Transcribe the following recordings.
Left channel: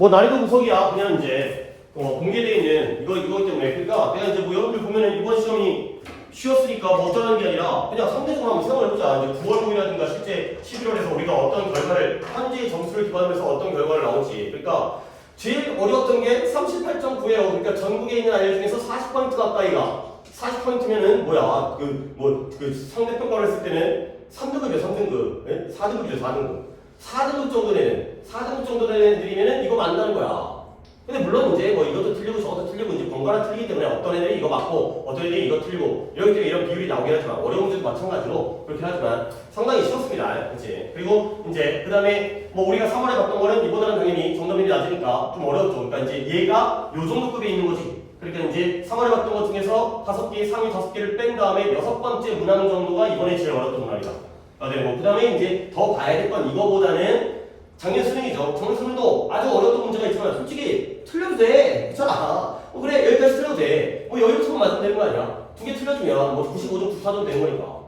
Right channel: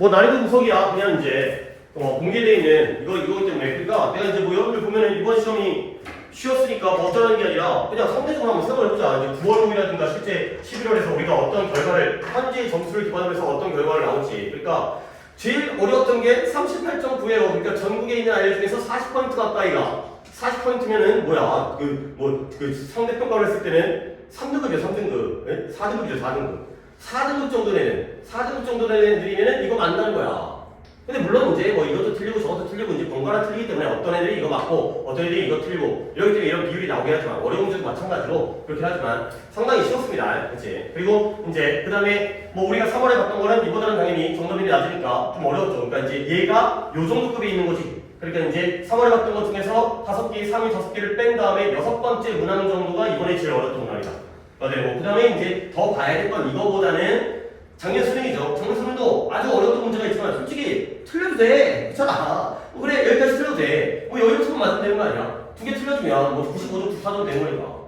뭐 난이도 구석이야. 그냥 이제 공개되어 있는 이거 때문에. 그러니까 내가 이제 뭐 여러분들 보면은 이번 시험이 쉬었으니까 뭐 어쩌라는 게 아니라 그냥 상대적으로 한번 생각을 해보자. 이제 9월 봄이라든가 실제 11월에서 우리가 어떤 결과를 현재 점수를 기반으로 해서 어떤 결과를 나올지. 그러니까 제일 어려웠던 게 38.9예요. 그러니까 전국에 있는 아이들 중에서 40% 가까이가 40%면은 뭐야? 그 상대평가를 했을 때는 3등급이에요. 3등급. 네? 4등급이죠. 4등급. 4등급 정도 되는 4등급 정도 되는 애들이면은 이거 만나는 거야. 근데 물론 이제 뭐 이것도 틀리고 저것도 틀리고 이제 번갈아 틀리기 때문에 어떤 애들이 이거 맞고 어떤 애들이 이거 틀리고 이렇기 때문에 이런 비율이 나오긴 하지만 어려운 문제도 마찬가지로 그렇게 하지만 상당히 쉬웠습니다. 그렇지? 그리고 이제 그 다음에 뭐 우리가 3월에 봤던 거는 이보다는 당연히 정답률이 낮으니까 좀 어려웠죠. 그러니까 이제 얘가 요 정도 급에 있는 거지. 그러니까 이제 3월에 봤던 것 중에서 5개, 상위 5개를 뺀 다음에 6번째 문항 정도가 이번에 제일 어려웠던 문항이다. 네, 뭐 그 다음에 이제 더 봐야 될 건 이거보다는 작년 수능이죠. 작년 수능도 아주 어려웠던 문제가 있지만 솔직히 틀려도 돼. 괜찮아. 그래 여기까지 틀려도 돼. 뭐 여기부터 맞으면 되는 거 아니야? 2개 틀려주면 뭐 95점, 94점 되는 거니까.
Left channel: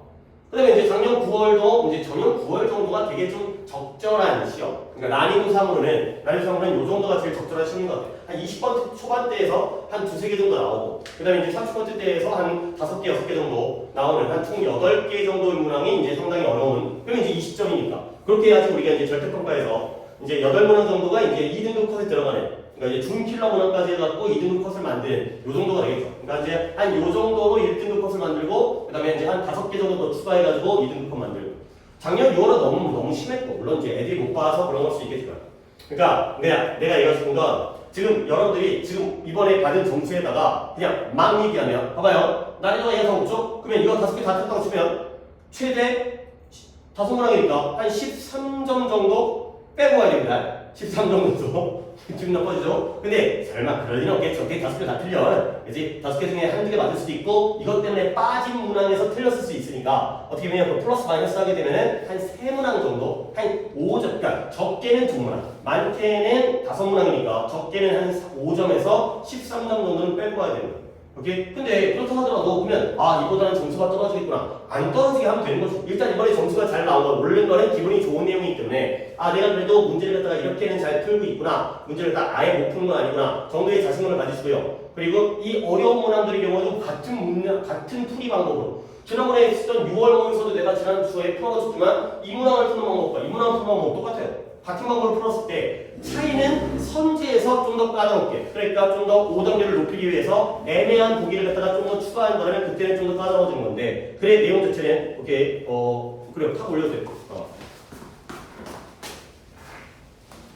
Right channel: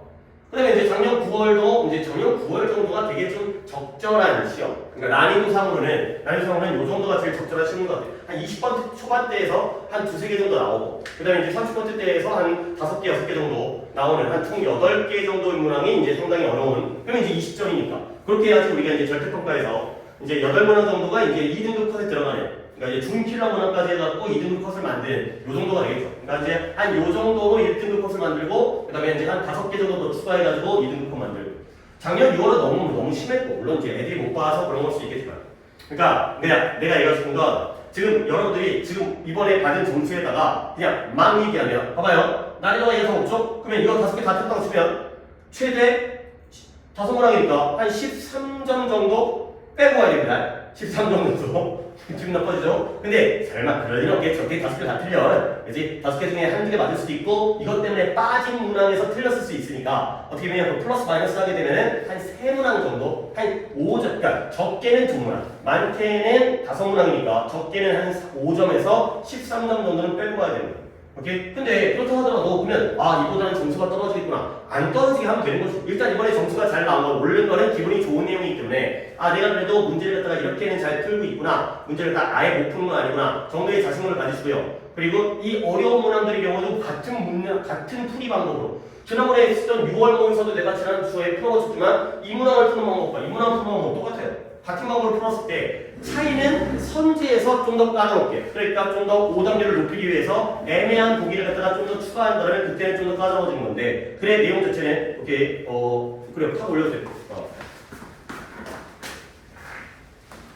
그 다음에 이제 작년 9월도 이제 작년 9월 정도가 되게 좀 적절한 시험. 그러니까 난이도상으로는 요 정도가 제일 적절한 시험인 것 같아요. 한 20번째 초반대에서 한 2~3개 정도 나오고 그 다음에 이제 30번째 때에서 한 5개, 6개 정도 나오는 한 총 8개 정도의 문항이 이제 상당히 어려운 그러면 이제 20점이니까 그렇게 해야지 우리가 이제 절대평가에서 이제 8문항 정도가 이제 2등급 컷에 들어가네요. 그러니까 이제 중킬러 문항까지 해갖고 2등급 컷을 만든 요 정도가 되겠죠. 그러니까 이제 한 요 정도로 1등급 컷을 만들고 그 다음에 이제 한 5개 정도 더 추가해가지고 2등급 컷 만들고 작년 6월은 너무 심했고 물론 이제 애들이 못 봐서 그런 걸 수 있겠지만 그러니까 내가 얘기하고 싶은 건 지금 여러분들이 지금 이번에 받은 점수에다가 그냥 막 얘기하면 봐봐요. 난이도가 예상 없죠? 그러면 이거 5개 다 됐다고 치면 최대 5문항이니까 한 13점 정도 빼고 가야 됩니다. 13점 정도. 기분 나빠지죠? 근데 설마 그럴 일은 없겠죠. 5개 다 틀려. 그지? 5개 중에 한두 개 맞을 수도 있고 이것 때문에 빠진 문항에서 틀렸을 수 있으니까 어떻게 보면 그 플러스 마이너스 하게 되면은 한 3문항 정도, 한 5점, 그러니까 적게는 2문항, 많게는 5문항이니까 적게는 한 5점에서 13점 정도는 빼고 가야 됩니다. 오케이? 근데 그렇다 하더라도 보면 이보다는 점수가 떨어지겠구나. 안 떨어지게 하면 되는 거죠. 일단 이번에 점수가 잘 나온 거 오른 거는 기분이 좋은 내용이기 때문에 내가 그래도 문제를 갖다가 이렇게는 잘 풀고 있구나. 문제를 다 아예 못 푸는 건 아니구나. 정도의 자신감을 가지시고요. 그리고 이 어려운 문항들의 경우도 같은 풀이 방법으로 지난번에 쓰던 6월 모의서도 내가 지난 주에 풀어줬지만 이 문항을 푸는 방법과 이 문항을 푸는 방법은 똑같아요. 같은 방법으로 풀었을 때 차이는 선지에서 좀 더 까다롭게 그러니까 좀 더 오답률을 높이기 위해서 애매한 보기를 갖다가 좀 더 추가한다면 그때는 좀 더 까다로워지는 건데 그래 내용 자체는 오케이 그래 탁 올려주세요.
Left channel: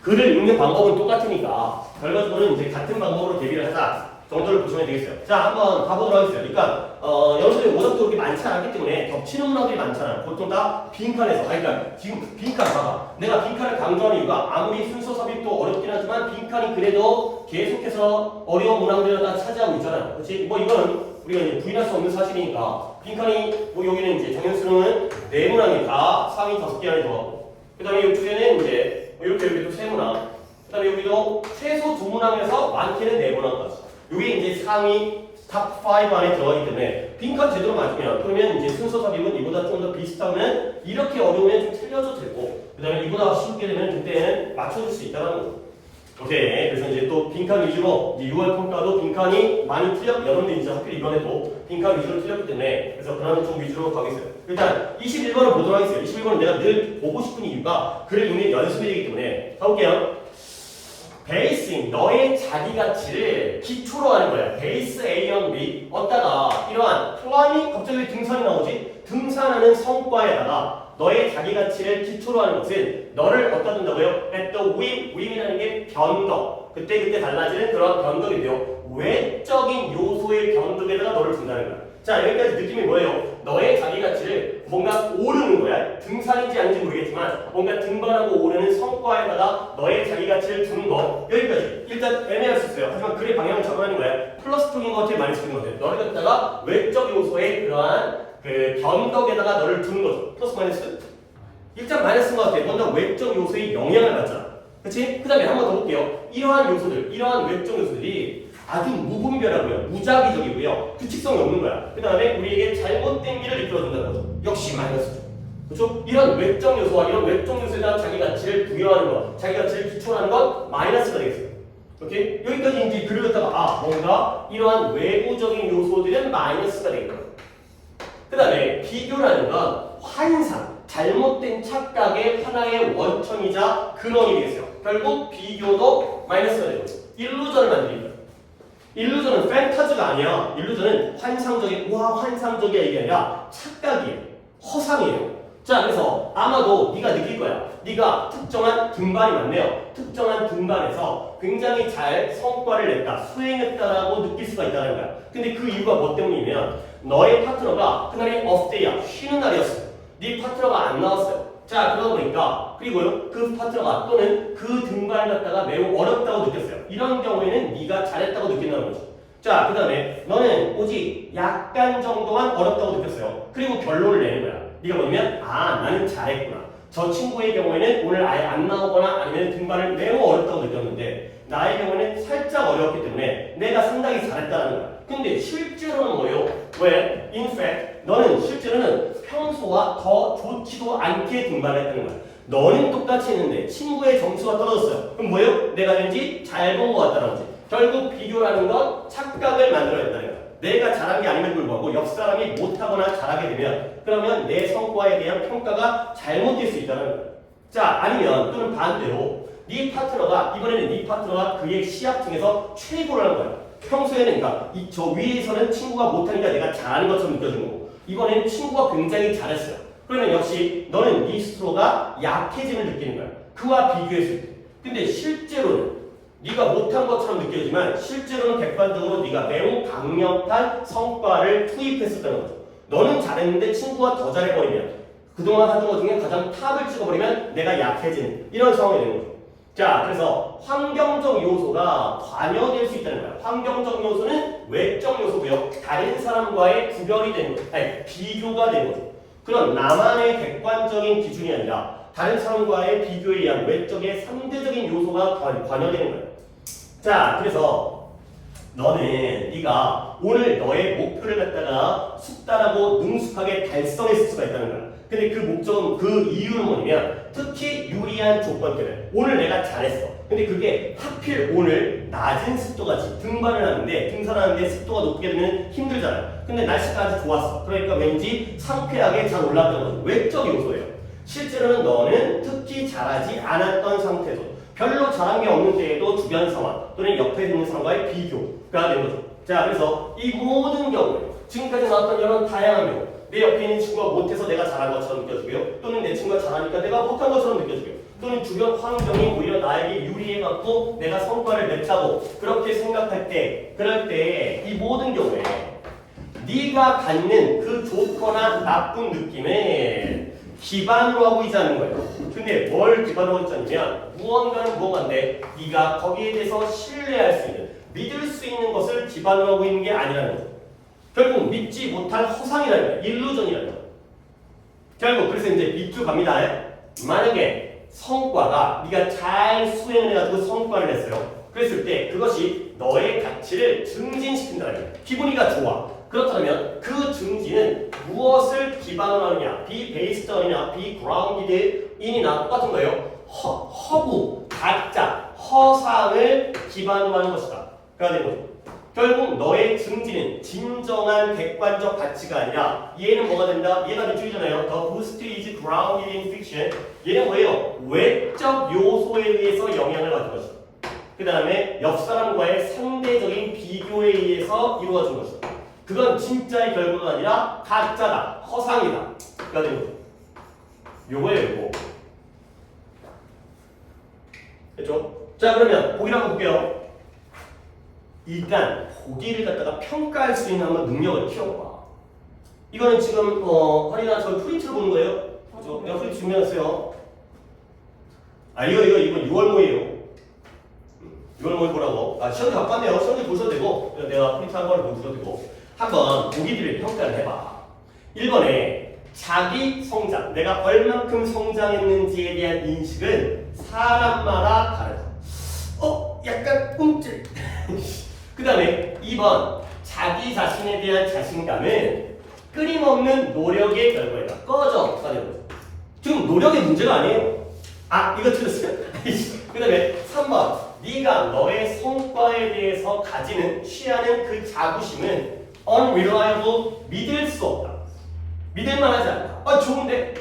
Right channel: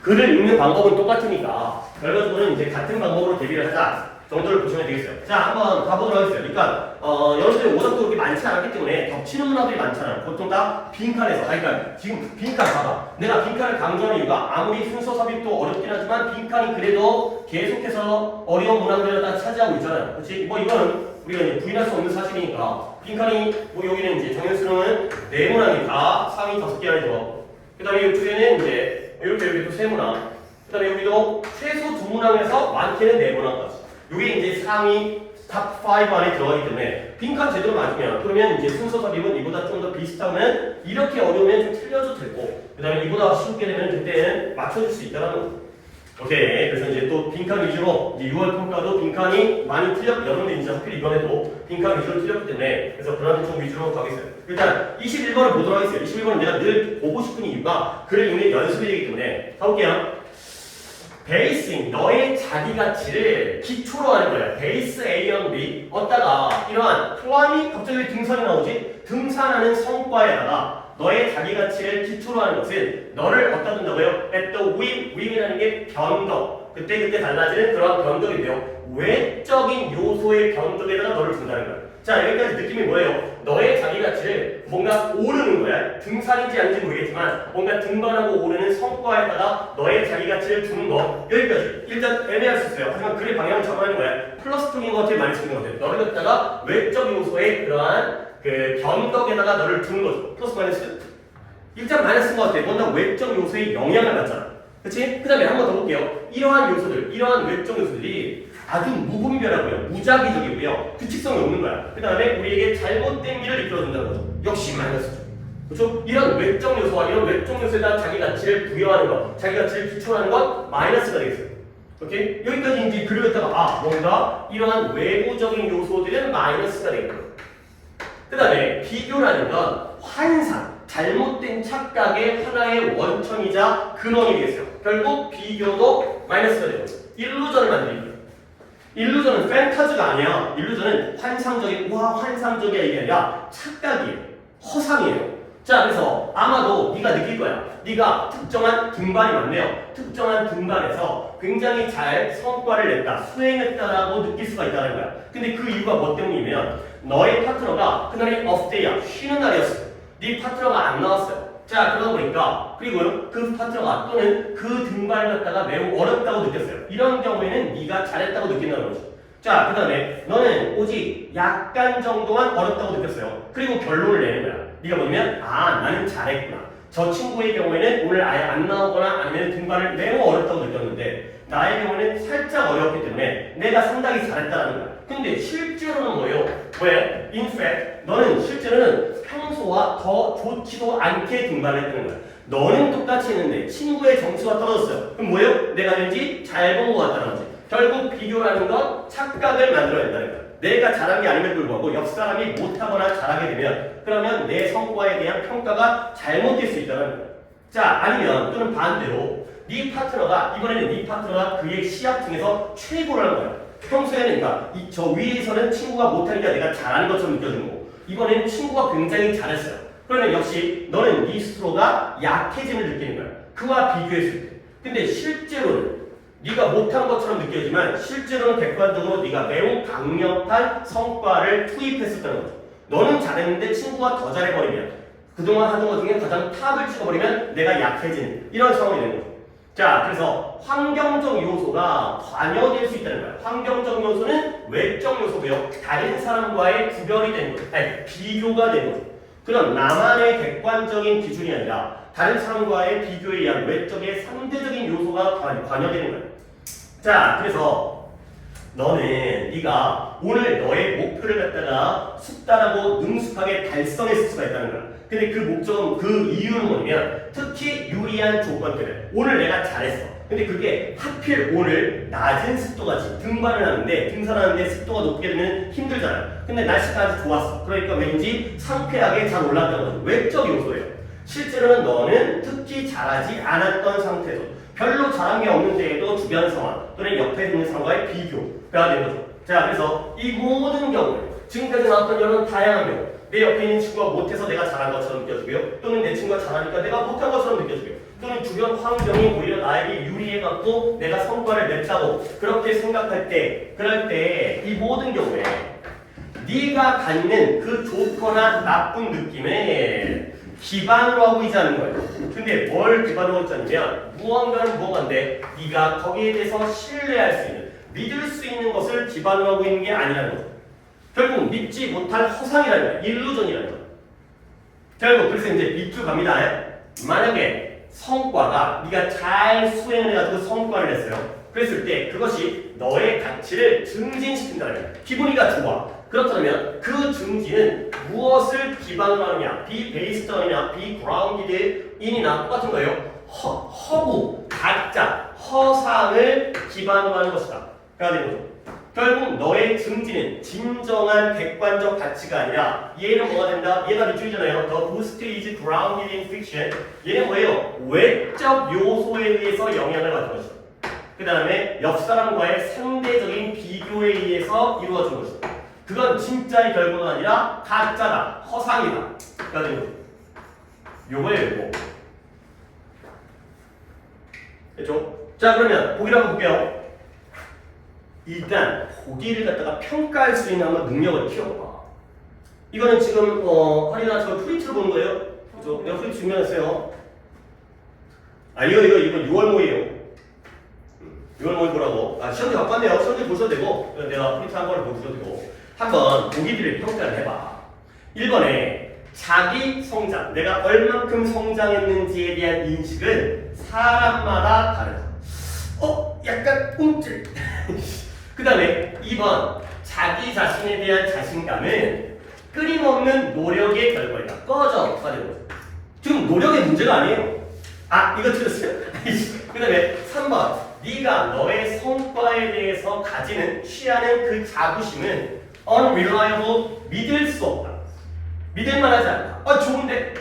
글을 읽는 방법은 똑같으니까 결과적으로는 이제 같은 방법으로 대비를 하자 정도를 보시면 되겠어요. 자 한번 가보도록 하겠습니다. 그러니까 여러분들이 오답도 그렇게 많지 않기 때문에 겹치는 문항들이 많잖아요. 보통 다 빈칸에서 그러니까 지금 빈칸 봐봐. 내가 빈칸을 강조하는 이유가 아무리 순서 삽입도 어렵긴 하지만 빈칸이 그래도 계속해서 어려운 문항들을 다 차지하고 있잖아요. 그렇지? 뭐 이건 우리가 이제 부인할 수 없는 사실이니까 빈칸이 뭐 여기는 이제 작년 수능은 4문항이 다 상위 5개 안에 들어가고 그 다음에 이쪽에는 이제 이렇게 여기도 3문항 그 다음에 여기도 최소 2문항에서 많게는 4문항까지 이게 이제 상위 탑 5 안에 들어가기 때문에 빈칸 제대로 맞으면 그러면 이제 순서 삽입은 이보다 좀 더 비슷하면 이렇게 어려우면 좀 틀려도 되고 그 다음에 이보다 쉽게 되면 그때는 맞춰줄 수 있다는 거죠. 오케이. 그래서 이제 또 빈칸 위주로 이제 6월 평가도 빈칸이 많이 여러분들 이제 하필 이번에도 빈칸 위주로 틀렸기 때문에 그래서 그런 쪽 위주로 가겠어요. 일단 21번을 보도록 하겠어요. 21번은 내가 늘 보고 싶은 이유가 글을 읽는 연습이 되기 때문에 가볼게요. 베이스인 너의 자기 가치를 기초로 하는 거야. 베이스 A형 B 얻다가 이러한 클라이밍 갑자기 왜 등산이 나오지? 등산하는 성과에다가 너의 자기 가치를 기초로 하는 것은 너를 어디다 둔다고요? at the wing이라는 게 변덕. 그때 달라지는 그런 변덕인데요. 외적인 요소의 변덕에다가 너를 둔다는 거야. 자 여기까지 느낌이 뭐예요? 너의 자기 가치를 뭔가 오르는 거야. 등산인지 아닌지 모르겠지만 뭔가 등반하고 오르는 성과에다가 너의 자기 가치를 두는 거 여기까지. 일단 애매할 수 있어요. 하지만 글의 방향을 잡아내는 거야. 플러스 쪽인 것 같아, 마이너스 쪽인 것 같아. 너를 갖다가 외적 요소의 그러한 그 변덕에다가 너를 두는 거죠. 플러스 마이너스. 일단 마이너스인 것 같아. 뭔가 외적 요소의 영향을 받잖아. 그치? 그 다음에 한 번 더 볼게요. 이러한 요소들, 이러한 외적 요소들이 아주 무분별하고요. 무작위적이고요. 규칙성이 없는 거야. 그 다음에 우리에게 잘못된 길을 이끌어준다는 거죠. 역시 마이너스죠. 그렇죠? 이런 외적 요소와 이런 외적 요소에 대한 자기 가치를 부여하는 것, 자기 가치를 기초하는 건 마이너스가 되겠어요. 오케이? 여기까지 이제 그려갔다가 뭔가 이러한 외부적인 요소들은 마이너스가 되겠다. 그 다음에 비교라는 건 환상, 잘못된 착각의 하나의 원천이자 근원이 되겠어요. 결국 비교도 마이너스가 되고 일루전을 만드는 거예요. 일루전은 팬타즈가 아니야. 일루전은 환상적인, 우와 환상적이야 이게 아니라 착각이에요. 허상이에요. 자, 그래서 아마도 네가 느낄 거야. 네가 특정한 등반이 많네요. 특정한 등반에서 굉장히 잘 성과를 냈다, 수행했다라고 느낄 수가 있다는 거야. 근데 그 이유가 뭐 때문이면 너의 파트너가 그날이 업데이야, 쉬는 날이었어. 네 파트너가 안 나왔어요. 자, 그러다 보니까 그리고요 그 파트너가 또는 그 등반을 갖다가 매우 어렵다고 느꼈어요. 이런 경우에는 네가 잘했다고 느낀다는 거죠. 자, 그 다음에 너는 오직 약간 정도만 어렵다고 느꼈어요. 그리고 결론을 내는 거야. 네가 뭐냐면 아 나는 잘했구나. 저 친구의 경우에는 오늘 아예 안 나오거나 아니면 등반을 매우 어렵다고 느꼈는데 나의 경우는 살짝 어려웠기 때문에 내가 상당히 잘했다는 거야. 근데 실제로는 뭐예요? 왜? In fact, 너는 실제로는 평소와 더 좋지도 않게 등반을 했다는 거야. 너는 똑같이 했는데 친구의 점수가 떨어졌어요. 그럼 뭐예요? 내가 왠지 잘 본 것 같다는 거지. 결국 비교라는 건 착각을 만들어낸다는 거야. 내가 잘한 게 아님에도 불구하고 옆 사람이 못하거나 잘하게 되면 그러면 내 성과에 대한 평가가 잘못될 수 있다는 거야. 자, 아니면 또는 반대로 네 파트너가 이번에는 네 파트너가 그의 시합 중에서 최고라는 거야. 평소에는 그러니까 저 위에서는 친구가 못하니까 내가 잘하는 것처럼 느껴지는 거고 이번에는 친구가 굉장히 잘했어요. 그러면 역시 너는 네 스스로가 약해짐을 느끼는 거야. 그와 비교했을 때. 근데 실제로는 네가 못한 것처럼 느껴지만 실제로는 객관적으로 네가 매우 강력한 성과를 투입했었다는 거죠. 너는 잘했는데 친구가 더 잘해버리면 그동안 하던 것 중에 가장 탑을 찍어버리면 내가 약해지는 이런 상황이 되는 거죠. 자, 그래서 환경적 요소가 관여될 수 있다는 거야. 환경적 요소는 외적 요소고요. 다른 사람과의 구별이 되는 거죠. 아니, 비교가 되는 거죠. 그런 나만의 객관적인 기준이 아니라 다른 사람과의 비교에 의한 외적의 상대적인 요소가 관여되는 거예요. 자, 그래서 너는 네가 오늘 너의 목표를 갖다가 숙달하고 능숙하게 달성했을 수가 있다는 거야. 근데 그 목적은 그 이유는 뭐냐면 특히 유리한 조건 때문에 오늘 내가 잘했어. 근데 그게 하필 오늘 낮은 습도가지 등반을 하는데 등산하는데 습도가 높게 되면 힘들잖아요. 근데 날씨가 아주 좋았어. 그러니까 왠지 상쾌하게 잘 올랐던 거죠. 외적 요소예요. 실제로는 너는 특히 잘하지 않았던 상태에서 별로 잘한 게 없는데에도 주변 상황 또는 옆에 있는 사람과의 비교가 되는 거죠. 자, 그래서 이 모든 경우에 지금까지 나왔던 이런 다양한 경우 내 옆에 있는 친구가 못해서 내가 잘한 것처럼 느껴지고요. 또는 내 친구가 잘하니까 내가 못한 것처럼 느껴지고요. 또는 주변 환경이 오히려 나에게 유리해갖고 내가 성과를 냈다고 그렇게 생각할 때 그럴 때 이 모든 경우에 네가 갖는 그 좋거나 나쁜 느낌에 기반으로 하고 있지 않는 거예요. 근데 뭘 기반으로 하고 있냐면 무언가는 무언가인데 네가 거기에 대해서 신뢰할 수 있는 믿을 수 있는 것을 기반으로 하고 있는 게 아니라는 거죠. 결국 믿지 못할 허상이라는 거예요. 일루전이라는 거예요. 결국 그래서 이제 밑줄 갑니다. 만약에 성과가 네가 잘 수행을 해가지고 성과를 냈어요. 그랬을 때 그것이 너의 가치를 증진시킨다는 거예요. 기분이가 좋아. 그렇다면 그 증진은 무엇을 기반으로 하느냐? be based on이나 be grounded in이나 똑같은 거예요. 허구, 가짜, 허상을 기반으로 하는 것이다. 그래야 되는 거죠. 결국 너의 증진은 진정한 객관적 가치가 아니라 얘는 뭐가 된다? 얘가 밑줄이잖아요. The boost is grounded in fiction. 얘는 뭐예요? 외적 요소에 의해서 영향을 받은 것이다. 그 다음에 옆 사람과의 상대적인 비교에 의해서 이루어진 것이다. 그건 진짜의 결과가 아니라 가짜다, 허상이다. 그가 되는 거죠. 요거예요, 요거. 됐죠? 자, 그러면 보기를 한번 볼게요. 일단 보기를 갖다가 평가할 수 있는 한번 능력을 키워봐. 이거는 지금 허리나 저 프린트를 보는 거예요. 그죠? 내가 프린트 준비했어요. 아 이거 6월 모예요. 6월 모의 보라고. 아 시험지 갖고 왔네요. 시험지 보셔도 되고 내가 프린트한 걸 보셔도 되고 한번 보기들을 평가를 해봐. 1번에 자기 성장, 내가 얼만큼 성장했는지에 대한 인식은 사람마다 다르다. 약간 꿈찔. 그 다음에 2번 자기 자신에 대한 자신감은 끊임없는 노력의 결과이다. 꺼져가 되는 거죠. 지금 노력의 문제가 아니에요. 아, 이거 틀렸어요? 그 다음에 3번. 네가 너의 성과에 대해서 가지는, 취하는 그 자부심은 unreliable, 믿을 수 없다. 믿을 만하지 않다. 아, 좋은데?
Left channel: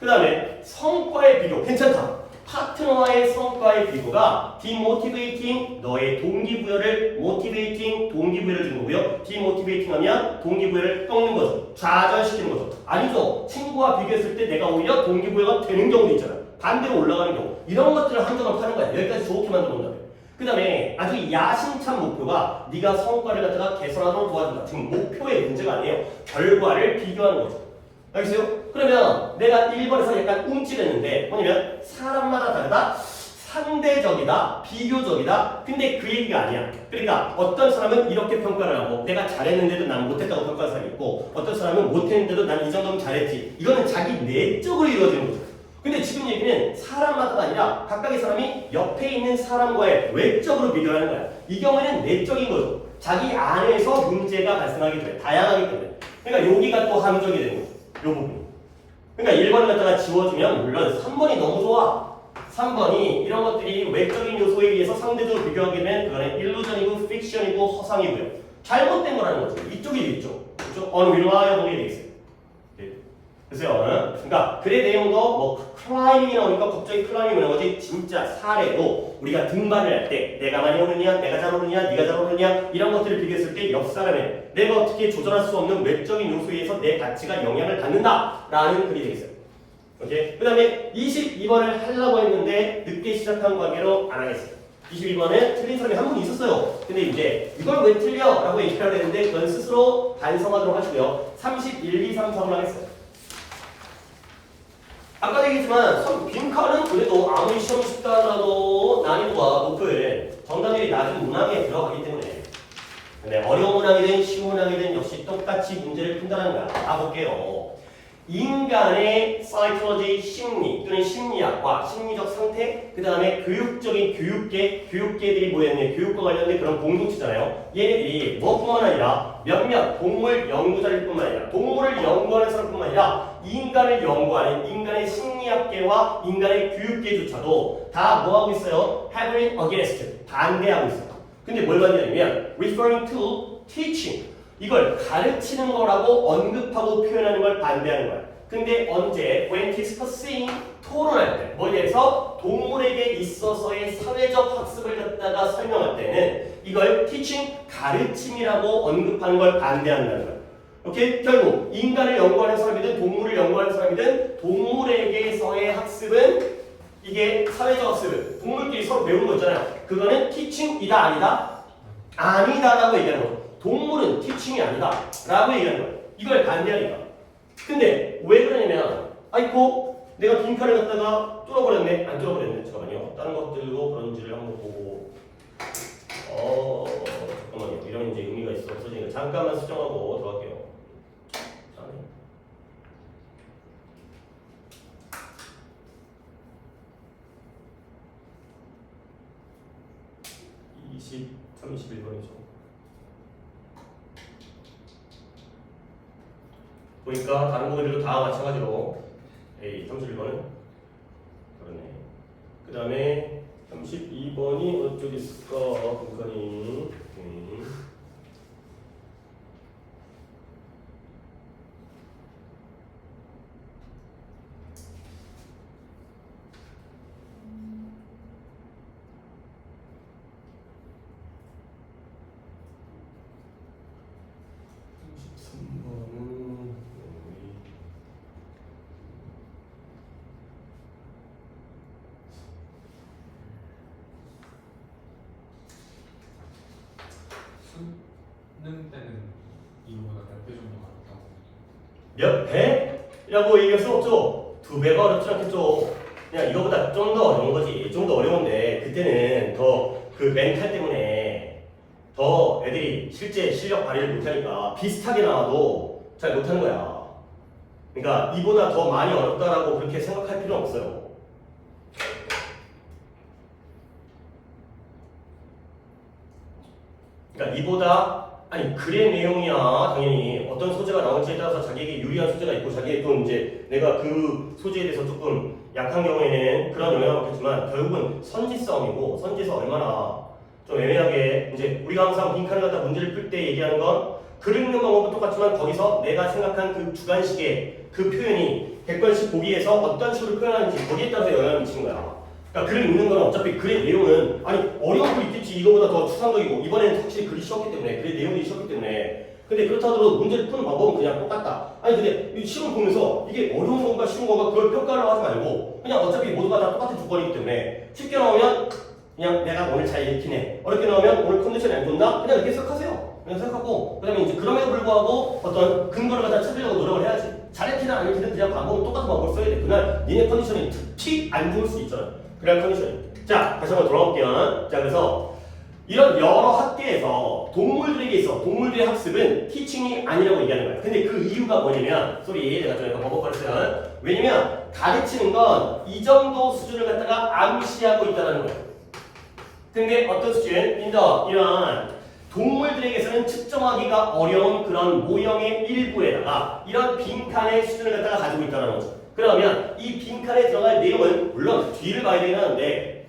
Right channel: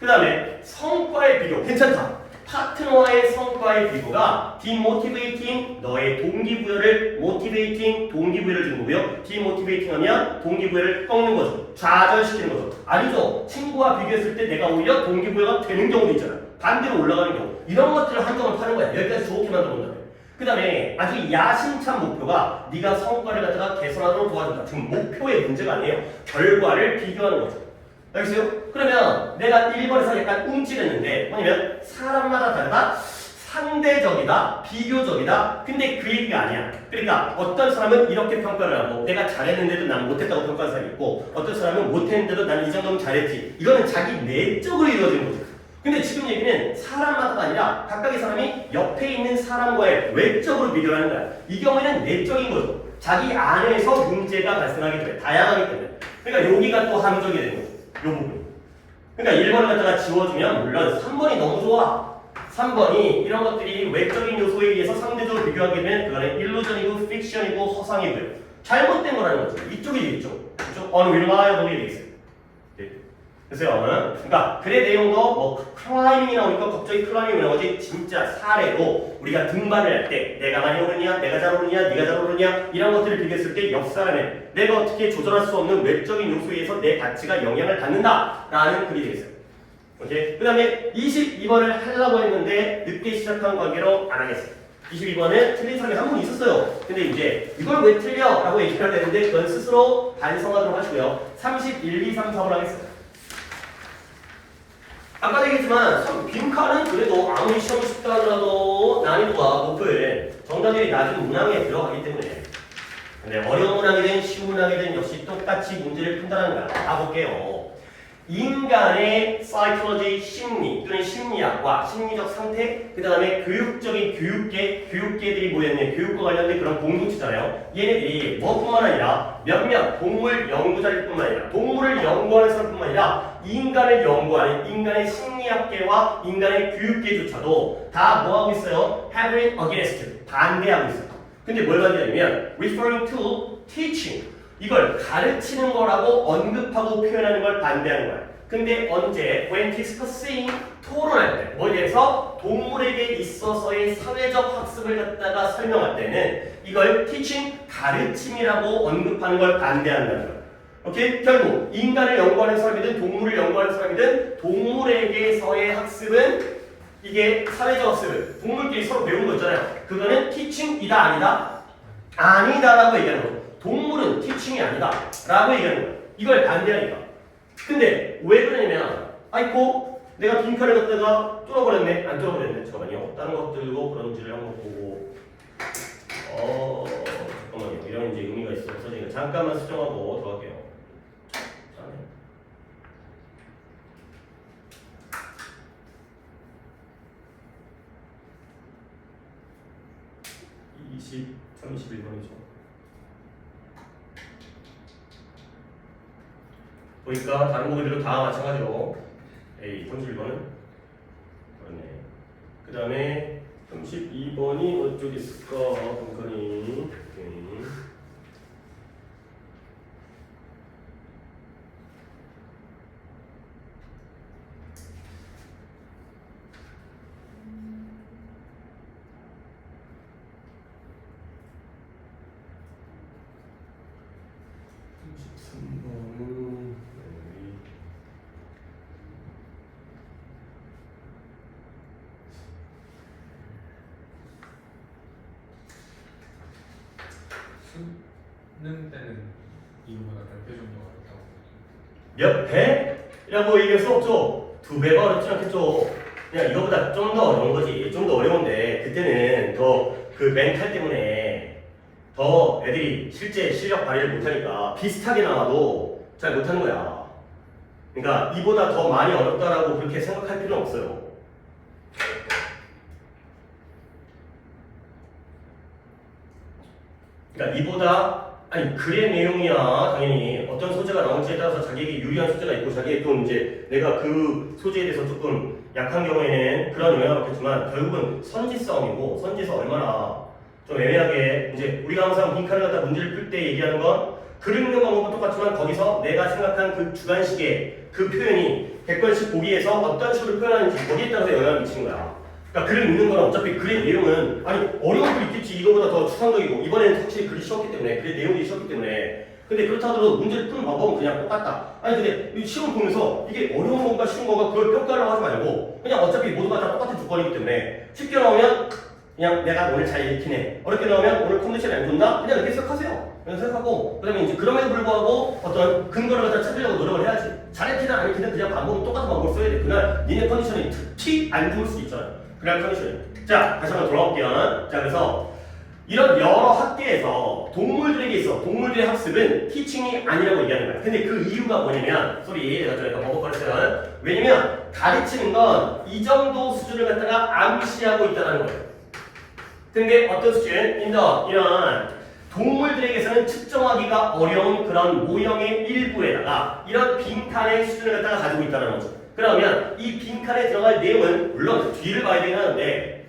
그 다음에 성과의 비교, 괜찮다. 파트너와의 성과의 비교가 demotivating, 너의 동기부여를 motivating, 동기부여를 주는 거고요. demotivating 하면 동기부여를 꺾는 거죠. 좌절시키는 거죠. 아니죠. 친구와 비교했을 때 내가 오히려 동기부여가 되는 경우도 있잖아요. 반대로 올라가는 경우. 이런 것들을 한정을 파는 거야. 여기까지 좋게 만들어본다며. 그 다음에 아주 야심찬 목표가 네가 성과를 갖다가 개선하도록 도와준다. 지금 목표의 문제가 아니에요. 결과를 비교하는 거죠. 알겠어요? 그러면 내가 1번에서 약간 움찔했는데 뭐냐면 사람마다 다르다, 상대적이다, 비교적이다. 근데 그 얘기가 아니야. 그러니까 어떤 사람은 이렇게 평가를 하고 내가 잘했는데도 난 못했다고 평가하는 사람이 있고 어떤 사람은 못했는데도 난 이 정도면 잘했지. 이거는 자기 내적으로 이루어지는 거죠. 근데 지금 얘기는 사람마다가 아니라 각각의 사람이 옆에 있는 사람과의 외적으로 비교를 하는 거야. 이 경우에는 내적인 거죠. 자기 안에서 문제가 발생하게 돼. 다양하기 때문에. 그러니까 여기가 또 함정이 되는 거죠. 요 부분. 그러니까 1번을 갖다가 지워주면 물론 3번이 너무 좋아. 3번이 이런 것들이 외적인 요소에 의해서 상대적으로 비교하게 되면 그거는 일루전이고 픽션이고 허상이고요. 잘못된 거라는 거죠. 이쪽이 이쪽. 이쪽 unreliable이 돼 있어요. 그래서 그러니까 글의 내용도 뭐 클라이밍이 나오니까 갑자기 클라이밍이 나오지 진짜 사례로 우리가 등반을 할 때 내가 많이 오르냐, 내가 잘 오르냐, 네가 잘 오르냐 이런 것들을 비교했을 때 옆 사람의 내가 어떻게 조절할 수 없는 외적인 요소에 의해서 내 가치가 영향을 받는다라는 글이 되겠어요. 오케이. 그 다음에 22번을 하려고 했는데 늦게 시작한 관계로 안 하겠어요. 22번은 틀린 사람이 한 분 있었어요. 근데 이제 이걸 왜 틀려? 라고 얘기를 되는데 그건 스스로 반성하도록 하시고요. 31, 2, 3, 4번 하겠어요. 아까 얘기했지만 빈칸은 그래도 아무리 시험이 쉽다 하더라도 난이도가 높을 정답률이 낮은 문항에 들어가기 때문에 근데 어려운 문항이든 쉬운 문항이든 역시 똑같이 문제를 판단하는 거야. 가볼게요. 인간의 사이콜로지 심리 또는 심리학과 심리적 상태 그 다음에 교육적인 교육계들이 모였는 교육과 관련된 그런 공동체잖아요. 얘네들이 뭐뿐만 아니라 몇몇 동물 연구자일 뿐만 아니라 동물을 연구하는 사람뿐만 아니라 인간을 연구하는 인간의 심리학계와 인간의 교육계조차도 다 뭐하고 있어요? having against 반대하고 있어요. 근데 뭘 반대하냐면 referring to teaching 이걸 가르치는 거라고 언급하고 표현하는 걸 반대하는 거야. 근데 언제? When discussing 토론할 때 머리에서 동물에게 있어서의 사회적 학습을 갖다가 설명할 때는 이걸 teaching 가르침이라고 언급하는 걸 반대한다는 거야. 오케이? 결국 인간을 연구하는 사람이든 동물을 연구하는 사람이든 동물에게서의 학습은 이게 사회적 학습을 동물끼리 서로 배우는 거 있잖아요. 그거는 teaching이다 아니다? 아니다라고 얘기하는 거예요. 동물은 티칭이 아니다 라고 얘기하는 거예요. 이걸 반대하니까. 근데 왜 그러냐면 아이고 내가 빈칸을 갖다가 뚫어버렸네. 안 뚫어버렸네. 잠깐만요. 다른 것들도 그런지를 한번 보고 잠깐만요. 이런 이제 의미가 있어서 제가 잠깐만 수정하고 들어갈게요. 31번이죠. 보니까 다른 거들도 다 마찬가지로 A 31번은 그러네. 그 다음에 32번이 어쪽에 있을까? 분간이 수능 때는 이거보다 몇 배 정도 어렵다고. 몇 배?라고 얘기할 수 없죠. 2배가 어렵지 않겠죠. 그냥 이거보다 좀 더 어려운 거지. 좀 더 어려운데 그때는 더 그 멘탈 때문에 더 애들이 실제 실력 발휘를 못하니까 비슷하게 나와도 잘 못하는 거야. 그러니까 이보다 더 많이 어렵다라고 그렇게 생각할 필요는 없어요. 그러니까 이보다 아니 글의 내용이야 당연히 어떤 소재가 나올지에 따라서 자기에게 유리한 소재가 있고 자기의 또 이제 내가 그 소재에 대해서 조금 약한 경우에는 그런 영향을 받겠지만 결국은 선지 싸움이고 선지에서 얼마나 좀 애매하게 이제 우리가 항상 빈칸을 갖다 문제를 풀 때 얘기하는 건 글 읽는 방법은 똑같지만 거기서 내가 생각한 그 주관식의 그 표현이 객관식 보기에서 어떤 식으로 표현하는지 거기에 따라서 영향을 미치는 거야. 그러니까 글을 읽는 건 어차피 글의 내용은 아니 어려운 글 있겠지 이거보다 더 추상적이고 이번에는 확실히 글이 쉬웠기 때문에 글의 내용이 쉬웠기 때문에 근데 그렇다 하더라도 문제를 푸는 방법은 그냥 똑같다. 아니 근데 이 시험 보면서 이게 어려운 건가 쉬운 건가 그걸 평가를 하지 말고 그냥 어차피 모두가 다 똑같은 조건이기 때문에 쉽게 나오면 그냥 내가 오늘 잘 읽히네 어렵게 나오면 오늘 컨디션이 안 좋나 그냥 이렇게 생각하세요. 그냥 생각하고 그다음에 이제 그럼에도 불구하고 어떤 근거를 갖다 찾으려고 노력을 해야지. 잘했든 안 했든 그냥 방법은 똑같은 방법을 써야 돼. 그날 니네 컨디션이 특히 안 좋을 수 있잖아. 그날 컨디션이. 자 다시 한번 돌아올게요. 자 그래서 이런 여러 학계에서 동물들에게 있어 동물들의 학습은 티칭이 아니라고 얘기하는 거야. 근데 그 이유가 뭐냐면 소리 내가 좀 약간 버벅거렸어요. 왜냐면 가르치는 건 이 정도 수준을 갖다가 암시하고 있다는 거야. 근데 어떤 수준? 이런 동물들에게서는 측정하기가 어려운 그런 모형의 일부에다가 이런 빈칸의 수준을 갖다가 가지고 있다는 거죠. 그러면 이 빈칸에 들어갈 내용은 물론 뒤를 봐야 되긴 하는데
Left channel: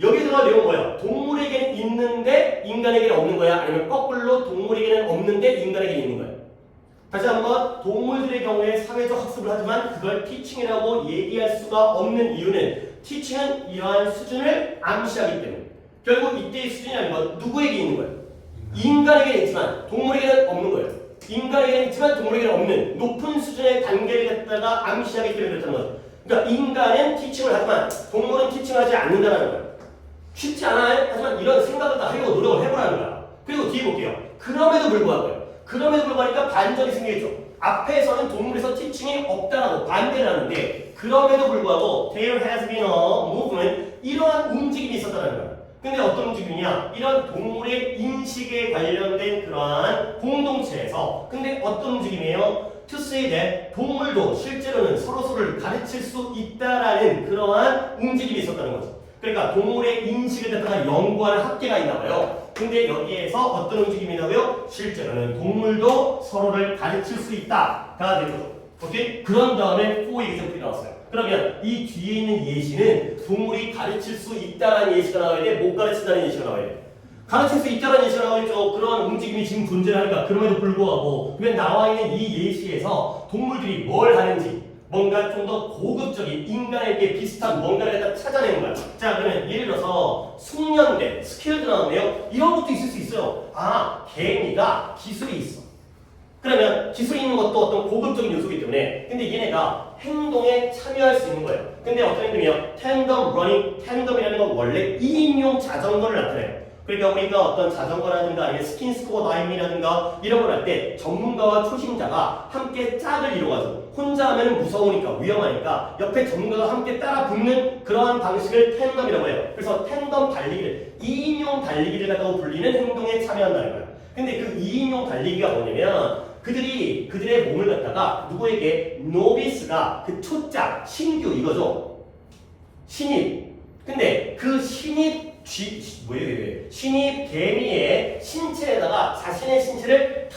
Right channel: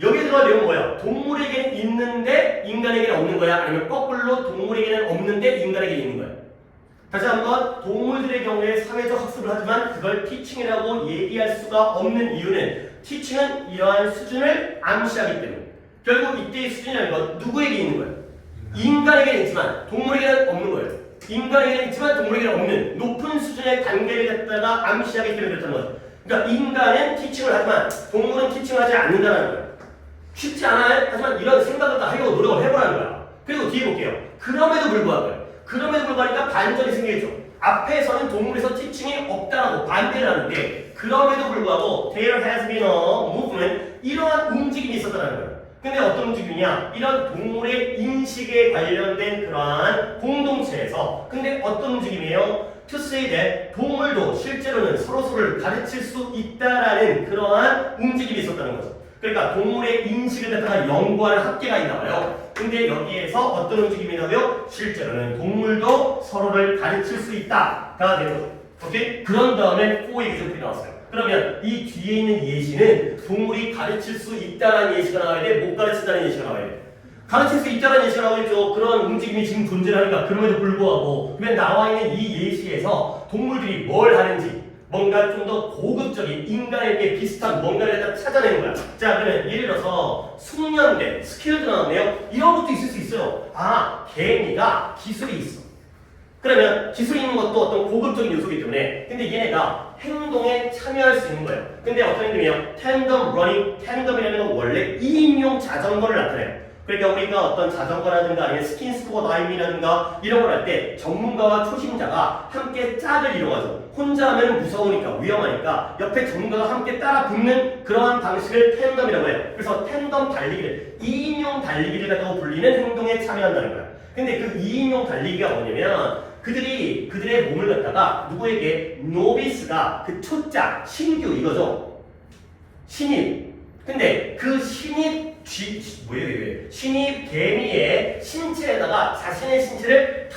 여기에 들어갈 내용은 뭐야? 동물에게는 있는데 인간에게는 없는 거야? 아니면 거꾸로 동물에게는 없는데 인간에게 있는 거야? 다시 한번 동물들의 경우에 사회적 학습을 하지만 그걸 티칭이라고 얘기할 수가 없는 이유는 티칭은 이러한 수준을 암시하기 때문에 결국 이때의 수준이라는 건 누구에게 있는 거야? 인간에게는 있지만 동물에게는 없는 거예요. 인간에게는 있지만 동물에게는 없는 높은 수준의 단계를 갖다가 암시하기 때문에 그렇다는 거죠. 그러니까 인간은 티칭을 하지만 동물은 티칭을 하지 않는다는 거예요. 쉽지 않아요? 하지만 이런 생각을 다 하려고 노력을 해보라는 거야. 그리고 뒤에 볼게요. 그럼에도 불구하니까 반전이 생기겠죠. 앞에서는 동물에서 티칭이 없다라고 반대를 하는데 그럼에도 불구하고 there has been a movement 이러한 움직임이 있었다는 거예요. 근데 어떤 움직임이냐? 이런 동물의 인식에 관련된 그러한 공동체에서 근데 어떤 움직임이에요? To say that 동물도 실제로는 서로서로를 가르칠 수 있다라는 그러한 움직임이 있었다는 거죠. 그러니까 동물의 인식을 갖다가 연구하는 학계가 있나 봐요. 근데 여기에서 어떤 움직임이 나고요? 실제로는 동물도 서로를 가르칠 수 있다가 되는 거죠. 오케이? 그런 다음에 4 example이 나왔어요. 그러면 이 뒤에 있는 예시는 동물이 가르칠 수 있다는 예시가 나와야 돼? 못 가르친다는 예시가 나와야 돼? 가르칠 수 있다는 예시가 나오겠죠. 그런 움직임이 지금 존재하니까 그럼에도 불구하고 그냥 나와 있는 이 예시에서 동물들이 뭘 하는지 뭔가 좀 더 고급적인 인간에게 비슷한 뭔가를 갖다 찾아내는 거야. 자 그러면 예를 들어서 숙련된 스킬도 나오네요. 이런 것도 있을 수 있어요. 아 개미가 기술이 있어. 그러면 기술이 있는 것도 어떤 고급적인 요소이기 때문에 근데 얘네가 행동에 참여할 수 있는 거예요. 근데 어떤 행동이에요? 텐덤 러닝, 텐덤이라는 건 원래 2인용 자전거를 나타내요. 그러니까 우리가 어떤 자전거라든가 아니면 스킨스쿠버 다이빙이라든가 이런 걸 할 때 전문가와 초심자가 함께 짝을 이루어가지고 혼자 하면 무서우니까 위험하니까 옆에 전문가가 함께 따라 붙는 그러한 방식을 텐덤이라고 해요. 그래서 텐덤 달리기를 2인용 달리기를 갖다고 불리는 행동에 참여한다는 거예요. 근데 그 2인용 달리기가 뭐냐면 그들의 몸을 갖다가 누구에게 노비스가 그 초짜 신규 이거죠. 신입. 근데 그 신입 신입 개미의 신체에다가 자신의 신체를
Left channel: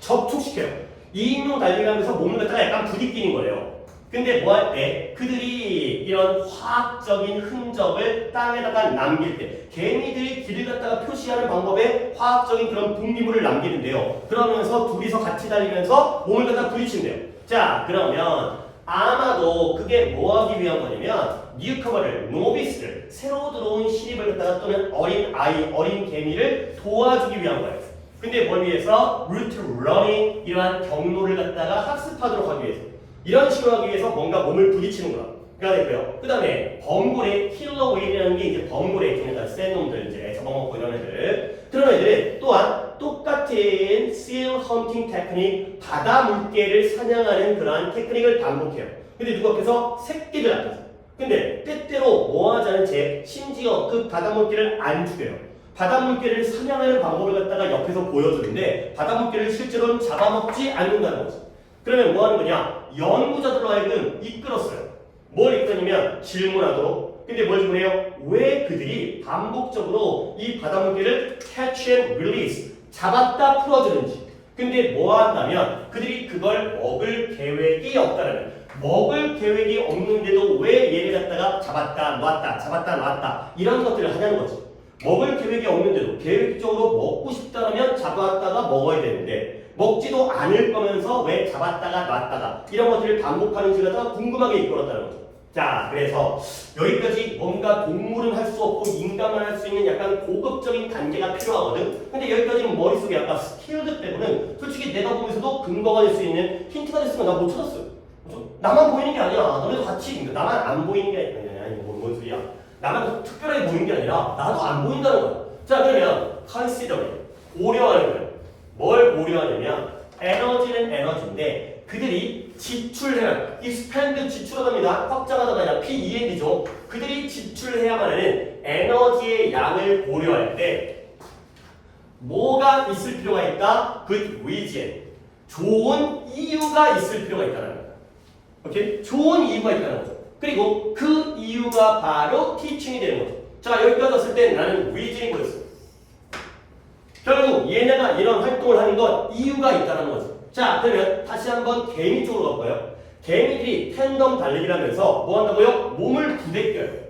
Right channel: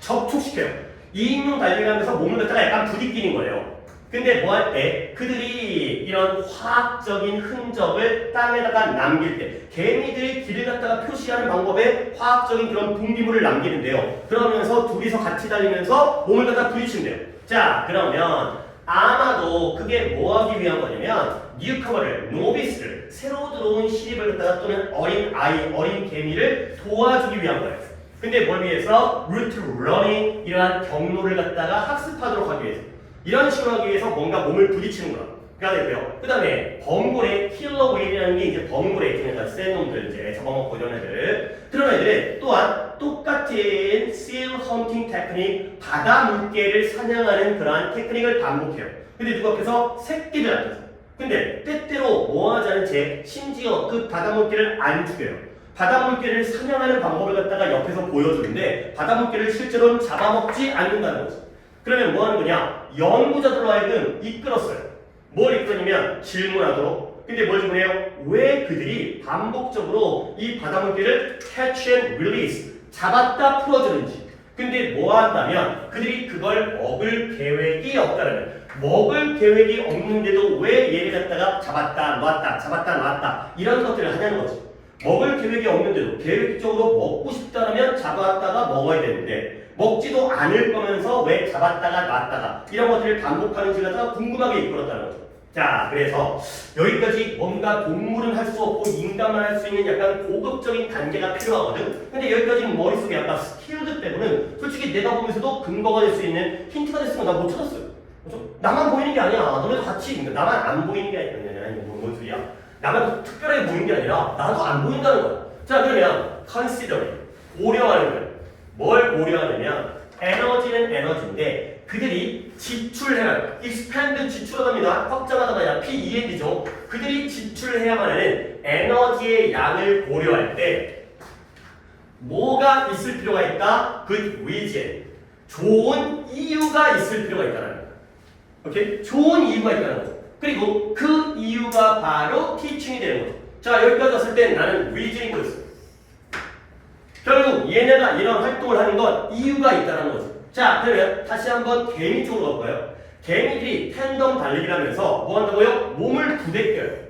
접촉시켜요. 2인용 달리기를 하면서 몸을 갖다가 약간 부딪히는 거예요. 근데 뭐 할 때 그들이 이런 화학적인 흔적을 땅에다가 남길 때 개미들이 길을 갖다가 표시하는 방법에 화학적인 그런 분비물을 남기는데요. 그러면서 둘이서 같이 달리면서 몸을 갖다가 부딪힌대요. 자 그러면 아마도 그게 뭐 하기 위한 거냐면 뉴커머를 노비스를 새로 들어온 신입을 갖다가 또는 어린 개미를 도와주기 위한 거예요. 근데 뭘 위해서? 루트 러닝 이러한 경로를 갖다가 학습하도록 하기 위해서 이런 식으로 하기 위해서 뭔가 몸을 부딪히는 거야. 그래야 되고요. 그 다음에 범고래 킬러 웨일이라는 게 이제 범고래 중에서 센 놈들 이제 잡아먹고 이런 애들 그런 애들은 또한 똑같은 seal hunting 테크닉 바다 물개를 사냥하는 그러한 테크닉을 반복해요. 근데 누구 앞에서? 새끼들 앞에서. 근데 때때로 뭐 하자는 채 심지어 그 바다 물개를 안 죽여요. 바다 물개를 사냥하는 방법을 갖다가 옆에서 보여주는데 바다 물개를 실제로는 잡아먹지 않는다는 거죠. 그러면 뭐 하는 거냐? 연구자들로 하여금 이끌었어요. 뭘 이끌었냐면 질문하도록. 근데 뭘 질문해요? 왜 그들이 반복적으로 이 바다 물개를 catch and release 잡았다 풀어주는지. 근데 뭐 한다면 그들이 그걸 먹을 계획이 없다는, 먹을 계획이 없는데도 왜 얘를 갖다가 잡았다 놨다 잡았다 놨다 이런 것들을 하냐는 거지. 먹을 계획이 없는데도 계획적으로 먹고 싶다면 잡았다가 먹어야 되는데 먹지도 않을 거면서 왜 잡았다가 놨다가 이런 것들을 반복하는지 갖다가 궁금하게 이끌었다는 거죠. 자, 그래서 여기까지 뭔가 동물은 할 수 없고 인간만 할 수 있는 약간 고급적인 단계가 필요하거든. 근데 여기까지는 머릿속에 약간 스킬드 때문에 솔직히 내가 보면서도 근거가 될 수 있는 힌트가 됐으면 나 못 찾았어요. 그렇죠? 나만 보이는 게 아니야. 너네도 같이 나만 안 보이는 게 아니야. 아니 뭔 소리야. 나만 특별하게 보이는 게 아니라 나도 안 보인다는 거야. 자, 그러면 consider, 고려하려면 뭘 고려하느냐? 에너지는 에너지인데 그들이 지출해야, expand 지출하답니다. 확장하다가 아니라 PEND죠. 그들이 지출해야만 하는 에너지의 양을 고려할 때 뭐가 있을 필요가 있다? good reason. 좋은 이유가 있을 필요가 있다는 거야. 오케이? 좋은 이유가 있다는 거죠. 그리고 그 이유가 바로 teaching이 되는 거죠. 자, 여기까지 왔을 때 나는 reason이 보였어. 결국 얘네가 이런 활동을 하는 건 이유가 있다는 거죠. 자, 그러면 다시 한번 개미 쪽으로 가볼까요? 개미들이 텐덤 달리기를 하면서 뭐 한다고요? 몸을 부대껴요.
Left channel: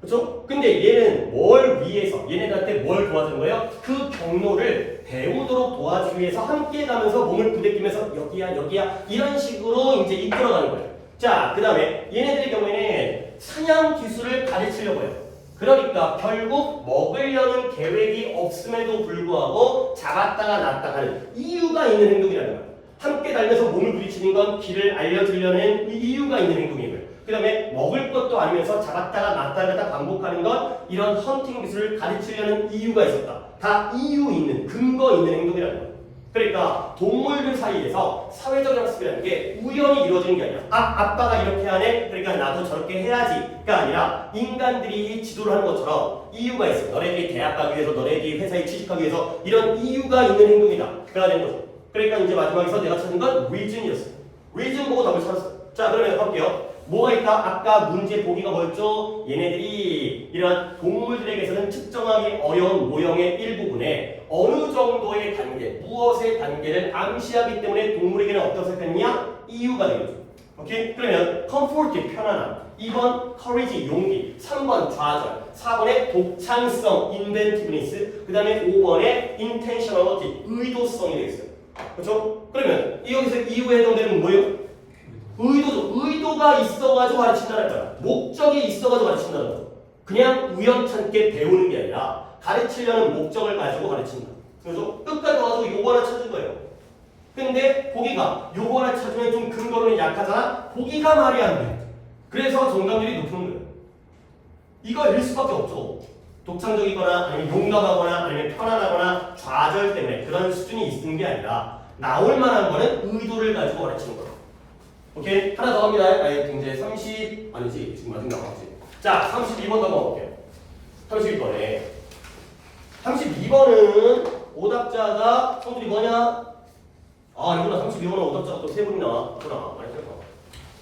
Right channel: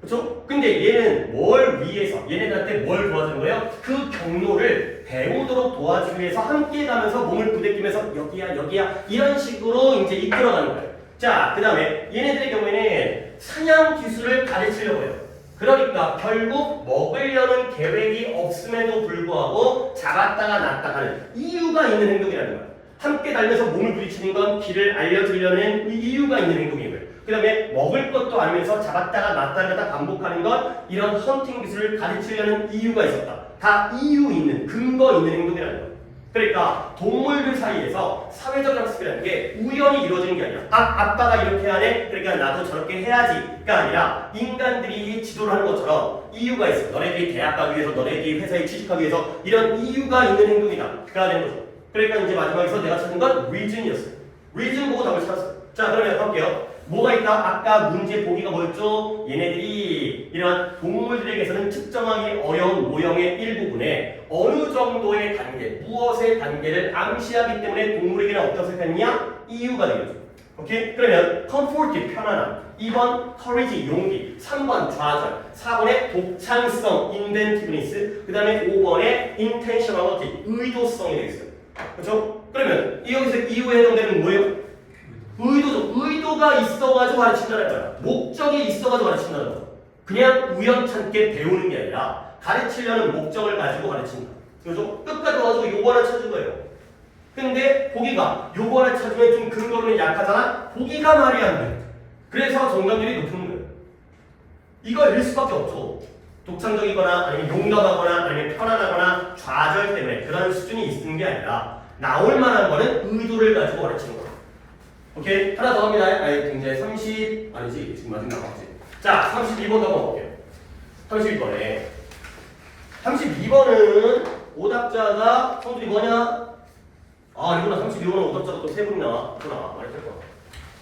그렇죠? 근데 얘는 뭘 위해서, 얘네들한테 뭘 도와주는 거예요? 그 경로를 배우도록 도와주기 위해서 함께 가면서 몸을 부대끼면서 여기야 여기야 이런 식으로 이제 이끌어가는 거예요. 자, 그 다음에 얘네들의 경우에는 사냥 기술을 가르치려고 해요. 그러니까 결국 먹으려는 계획이 없음에도 불구하고 잡았다가 놨다가 하는 이유가 있는 행동이라는 거예요. 함께 달려서 몸을 부딪히는 건 길을 알려주려는 이유가 있는 행동이고요. 그 다음에 먹을 것도 아니면서 잡았다가 놨다가 반복하는 건 이런 헌팅 기술을 가르치려는 이유가 있었다. 다 이유 있는, 근거 있는 행동이라는 거예요. 그러니까 동물들 사이에서 사회적 학습이라는 게 우연히 이루어지는 게 아니라 아빠가 이렇게 하네? 그러니까 나도 저렇게 해야지가 아니라 인간들이 지도를 하는 것처럼 이유가 있어. 너네들이 대학 가기 위해서, 너네들이 회사에 취직하기 위해서 이런 이유가 있는 행동이다. 가 되는 거죠. 그러니까 이제 마지막에서 내가 찾은 건 reason이었어요. reason 보고 답을 찾았어요. 자, 그러면 볼게요. 뭐가 있다? 아까 문제 보기가 뭐였죠? 얘네들이 이런 동물들에게서는 측정하기 어려운 모형의 일부분에 어느 정도의 단계, 무엇의 단계를 암시하기 때문에 동물에게는 어떤 색깔이냐? 이유가 되겠죠. 오케이? 그러면 comfort, 편안함. 2번 courage, 용기. 3번 좌절. 4번에 독창성, inventiveness. 그 다음에 5번에 intentionality, 의도성이 되겠어요. 그렇죠? 그러면 여기서 이유에 해당되는 뭐예요? 의도죠. 의도가 있어가지고 가르친다는 거야. 목적이 있어가지고 가르친다는 거야. 그냥 우연찮게 배우는 게 아니라 가르치려는 목적을 가지고 가르친다. 그렇죠? 끝까지 와서 요거 하나 찾은 거예요. 근데 보기가 요거 하나 찾으면 좀 근거로는 약하잖아? 보기가 말이 안 돼. 그래서 정답률이 높은 거예요. 이거일 수밖에 없죠. 독창적이거나 아니면 용감하거나 아니면 편안하거나 좌절 때문에 그런 수준이 있는 게 아니라 나올 만한 거는 의도를 가지고 가르치는 거예요. 오케이? 하나 더 갑니다. 아니, 이제 30, 아니지. 지금 마지막 나왔지. 자, 32번 더 볼게요. 32번에. 32번은 오답자가 성질이 뭐냐? 아, 이거는 32번은 오답자가 또 세 분이 나왔구나.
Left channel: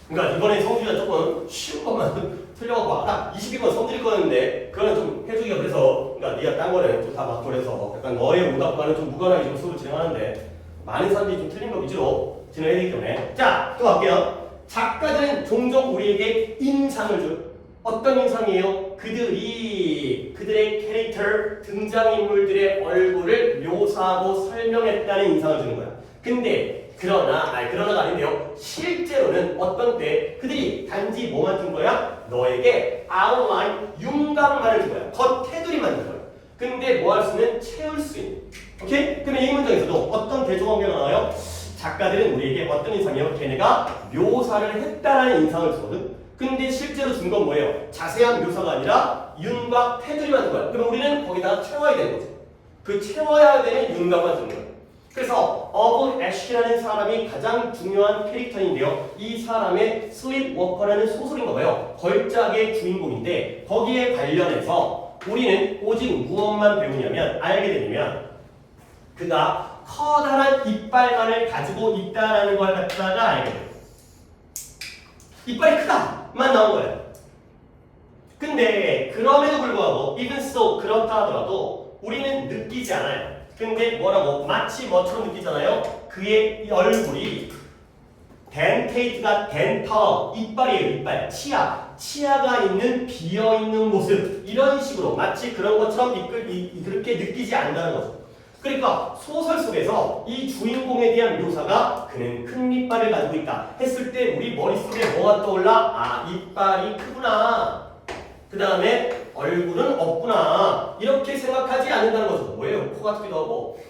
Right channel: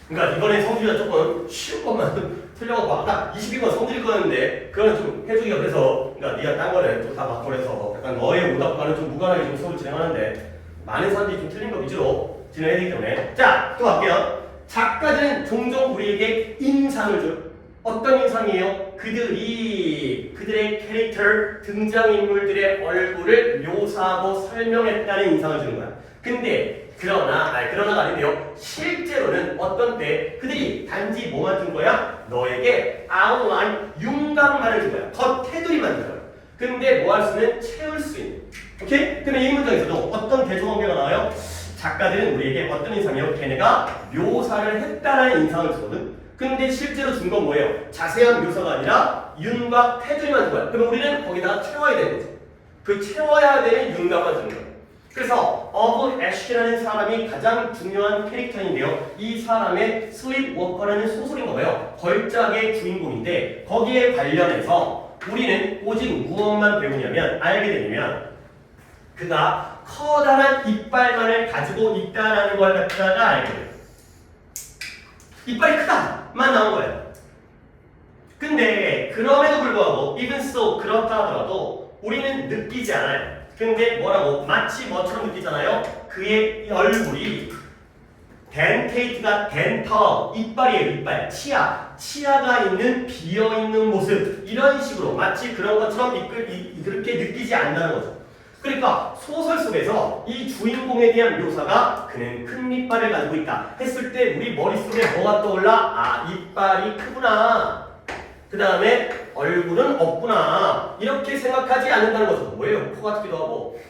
그러니까 이번에 성질이가 조금 쉬운 것만 틀려갖고 아까 22번 성질이 거였는데 그거는 좀 해주기가 그래서 그러니까 네가 딴 거를 또 다 바꿔서 약간 너의 오답과는 좀 무관하게 지금 수업을 진행하는데 많은 사람들이 좀 틀린 거 위주로 진행해야 되기 때문에 자, 또 갈게요. 작가들은 종종 우리에게 인상을 줘요. 어떤 인상이에요? 그들의 캐릭터, 등장인물들의 얼굴을 묘사하고 설명했다는 인상을 주는 거야. 근데 그러나가 아닌데요. 실제로는 어떤 때 그들이 단지 뭐만 준 거야? 너에게 아웃라인, 윤곽만을 준 거야. 겉테두리만 준 거야. 근데 뭐 할 수는 채울 수 있는. 오케이? 그러면 이 문장에서도 어떤 대조관계가 나와요? 작가들은 우리에게 어떤 인상이에요? 걔네가 묘사를 했다라는 인상을 주거든. 근데 실제로 준 건 뭐예요? 자세한 묘사가 아니라 윤곽, 테두리만 준 거야. 그러면 우리는 거기다가 채워야 되는 거지. 그 채워야 되는 윤곽만 주는 거야. 그래서 어브 애쉬라는 사람이 가장 중요한 캐릭터인데요. 이 사람의 슬립워커라는 소설인가 봐요. 걸작의 주인공인데 거기에 관련해서 우리는 오직 무엇만 배우냐면 알게 되냐면 그가 커다란 이빨만을 가지고 있다는 걸 갖다가 알게 돼요. 이빨이 크다만 나온 거예요. 근데 그럼에도 불구하고 even so 그렇다 하더라도 우리는 느끼지 않아요. 근데 뭐라고? 마치 뭐처럼 느끼잖아요? 그의 얼굴이 덴테이트가 덴터, 이빨이에요, 이빨. 치아가 있는 비어있는 모습. 이런 식으로 마치 그런 것처럼 그렇게 느끼지 않는다는 거죠. 그러니까 소설 속에서 이 주인공에 대한 묘사가 그는 큰 이빨을 가지고 있다 했을 때 우리 머릿속에 뭐가 떠올라? 아, 이빨이 크구나. 그 다음에 얼굴은 없구나. 이렇게 생각하지 않는다는 거죠. 뭐예요? 코 같기도 하고.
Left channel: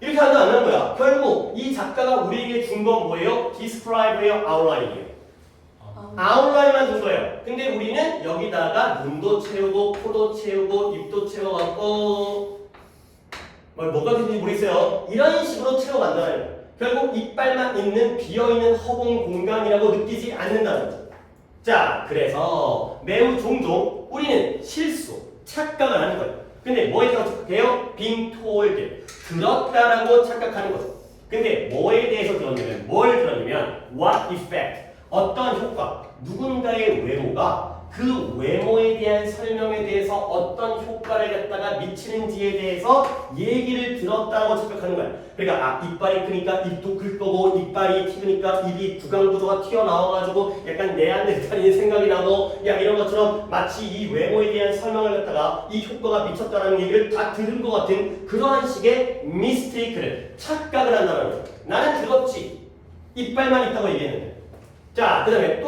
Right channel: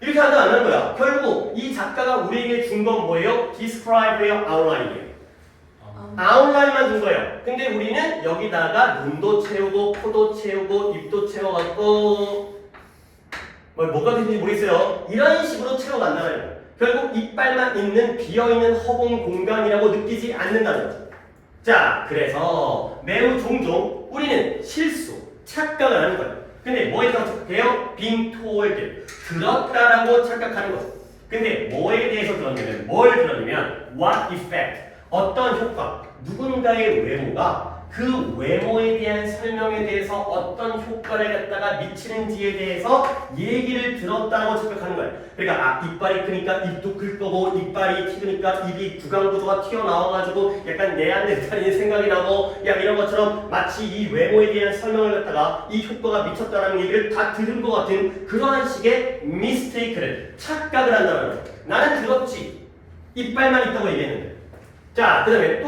이렇게 한다 안 하는 거야. 결국 이 작가가 우리에게 준 건 뭐예요? describe예요? outline이에요? outline만 준 거예요. 근데 우리는 여기다가 눈도 채우고 코도 채우고 입도 채워갖고 뭐가 되는지 모르겠어요. 이런 식으로 채워간다는 거예요. 결국 이빨만 있는 비어있는 허공 공간이라고 느끼지 않는다는 거죠. 자, 그래서 매우 종종 우리는 실수, 착각을 하는 거예요. 근데 뭐에 대해서 착각해요? being told, 들었다라고 착각하는 거죠. 근데 뭐에 대해서 들었냐면 뭘 들었냐면 what effect, 어떤 효과, 누군가의 외모가 그 외모에 대한 설명에 대해서 어떤 효과를 갖다가 미치는지에 대해서 얘기를 들었다고 착각하는 거예요. 그러니까 아, 이빨이 크니까 입도 클 거고 이빨이 튀으니까 입이 구강구조가 튀어나와가지고 약간 네안데르탈인의 생각이 나고 야 이런 것처럼 마치 이 외모에 대한 설명을 갖다가 이 효과가 미쳤다는 얘기를 다 들은 것 같은 그러한 식의 미스테이크를 착각을 한다는 거예요. 나는 들었지. 이빨만 있다고 얘기했는데. 자, 그 다음에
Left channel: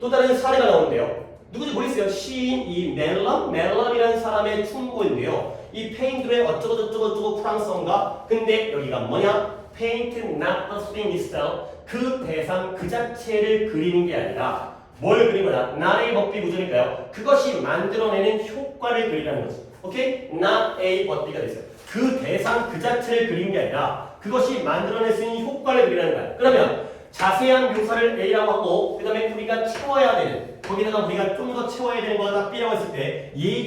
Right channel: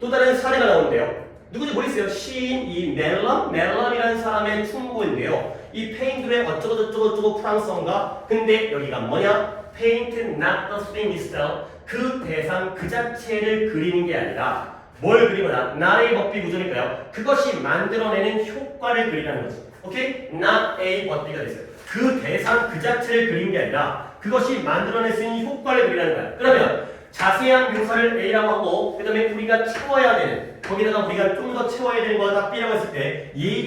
또 다른 사례가 나오는데요. 누구지 모르겠어요. 시인 이 멜람이라는 사람의 충고인데요. 이 페인트의 어쩌고저쩌고 프랑스어인가? 근데 여기가 뭐냐? Paint not the thing itself. 그 대상 그 자체를 그리는 게 아니라 뭘 그린 거냐? not a but B 구조니까요. 그것이 만들어내는 효과를 그리라는 거지. 오케이? not a but B가 됐어요. 그 대상 그 자체를 그린 게 아니라 그것이 만들어낼 수 있는 효과를 그리라는 거야. 그러면 자세한 묘사를 A라고 하고 그 다음에 우리가 채워야 되는 거기다가 우리가 좀 더 채워야 되는 거가 B라고 했을 때 이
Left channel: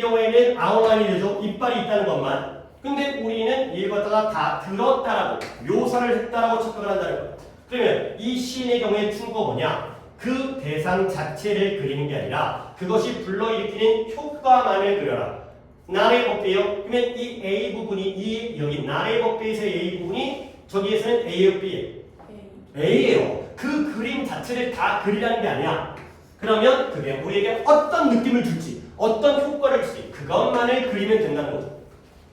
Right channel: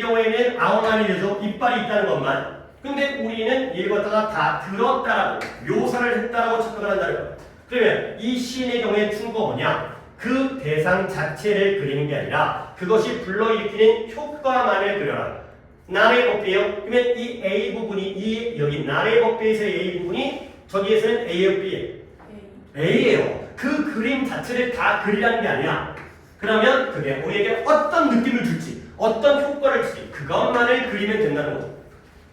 경우에는 아웃라인이 되죠. 이빨이 있다는 것만. 근데 우리는 이걸 갖다가 다 들었다라고 묘사를 했다라고 착각을 한다는 거예요. 그러면 이 시인의 경우에 충고가 뭐냐? 그 대상 자체를 그리는 게 아니라 그것이 불러일으키는 효과만을 그려라. 나의 법배요. 그러면 이 A 부분이 여기 나의 법배에서의 A 부분이 저기에서는 A예요, B예요? A예요. 그 그림 자체를 다 그리라는 게 아니야. 그러면 그게 우리에게 어떤 느낌을 줄지, 어떤 효과를 줄지 그것만을 그리면 된다는 거죠.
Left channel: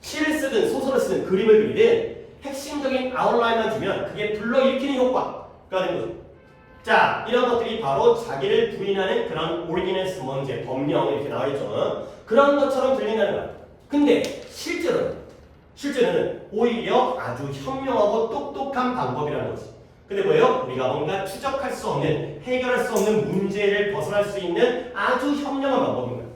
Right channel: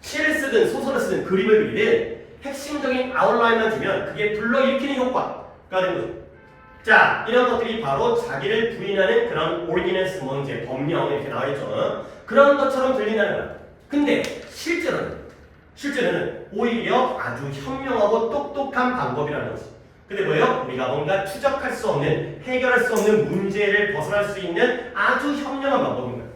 시를 쓰든 소설을 쓰든 그림을 그리든 핵심적인 아웃라인만 주면 그게 불러일으키는 효과가 되는 거죠. 자, 이런 것들이 바로 자기를 부인하는 그런 오리지널스 뭔지 법령 이렇게 나와있죠. 그런 것처럼 들린다는 거야. 근데 실제로는 오히려 아주 현명하고 똑똑한 방법이라는 거지. 근데 뭐예요? 우리가 뭔가 추적할 수 없는, 해결할 수 없는 문제를 벗어날 수 있는 아주 현명한 방법인 거예요.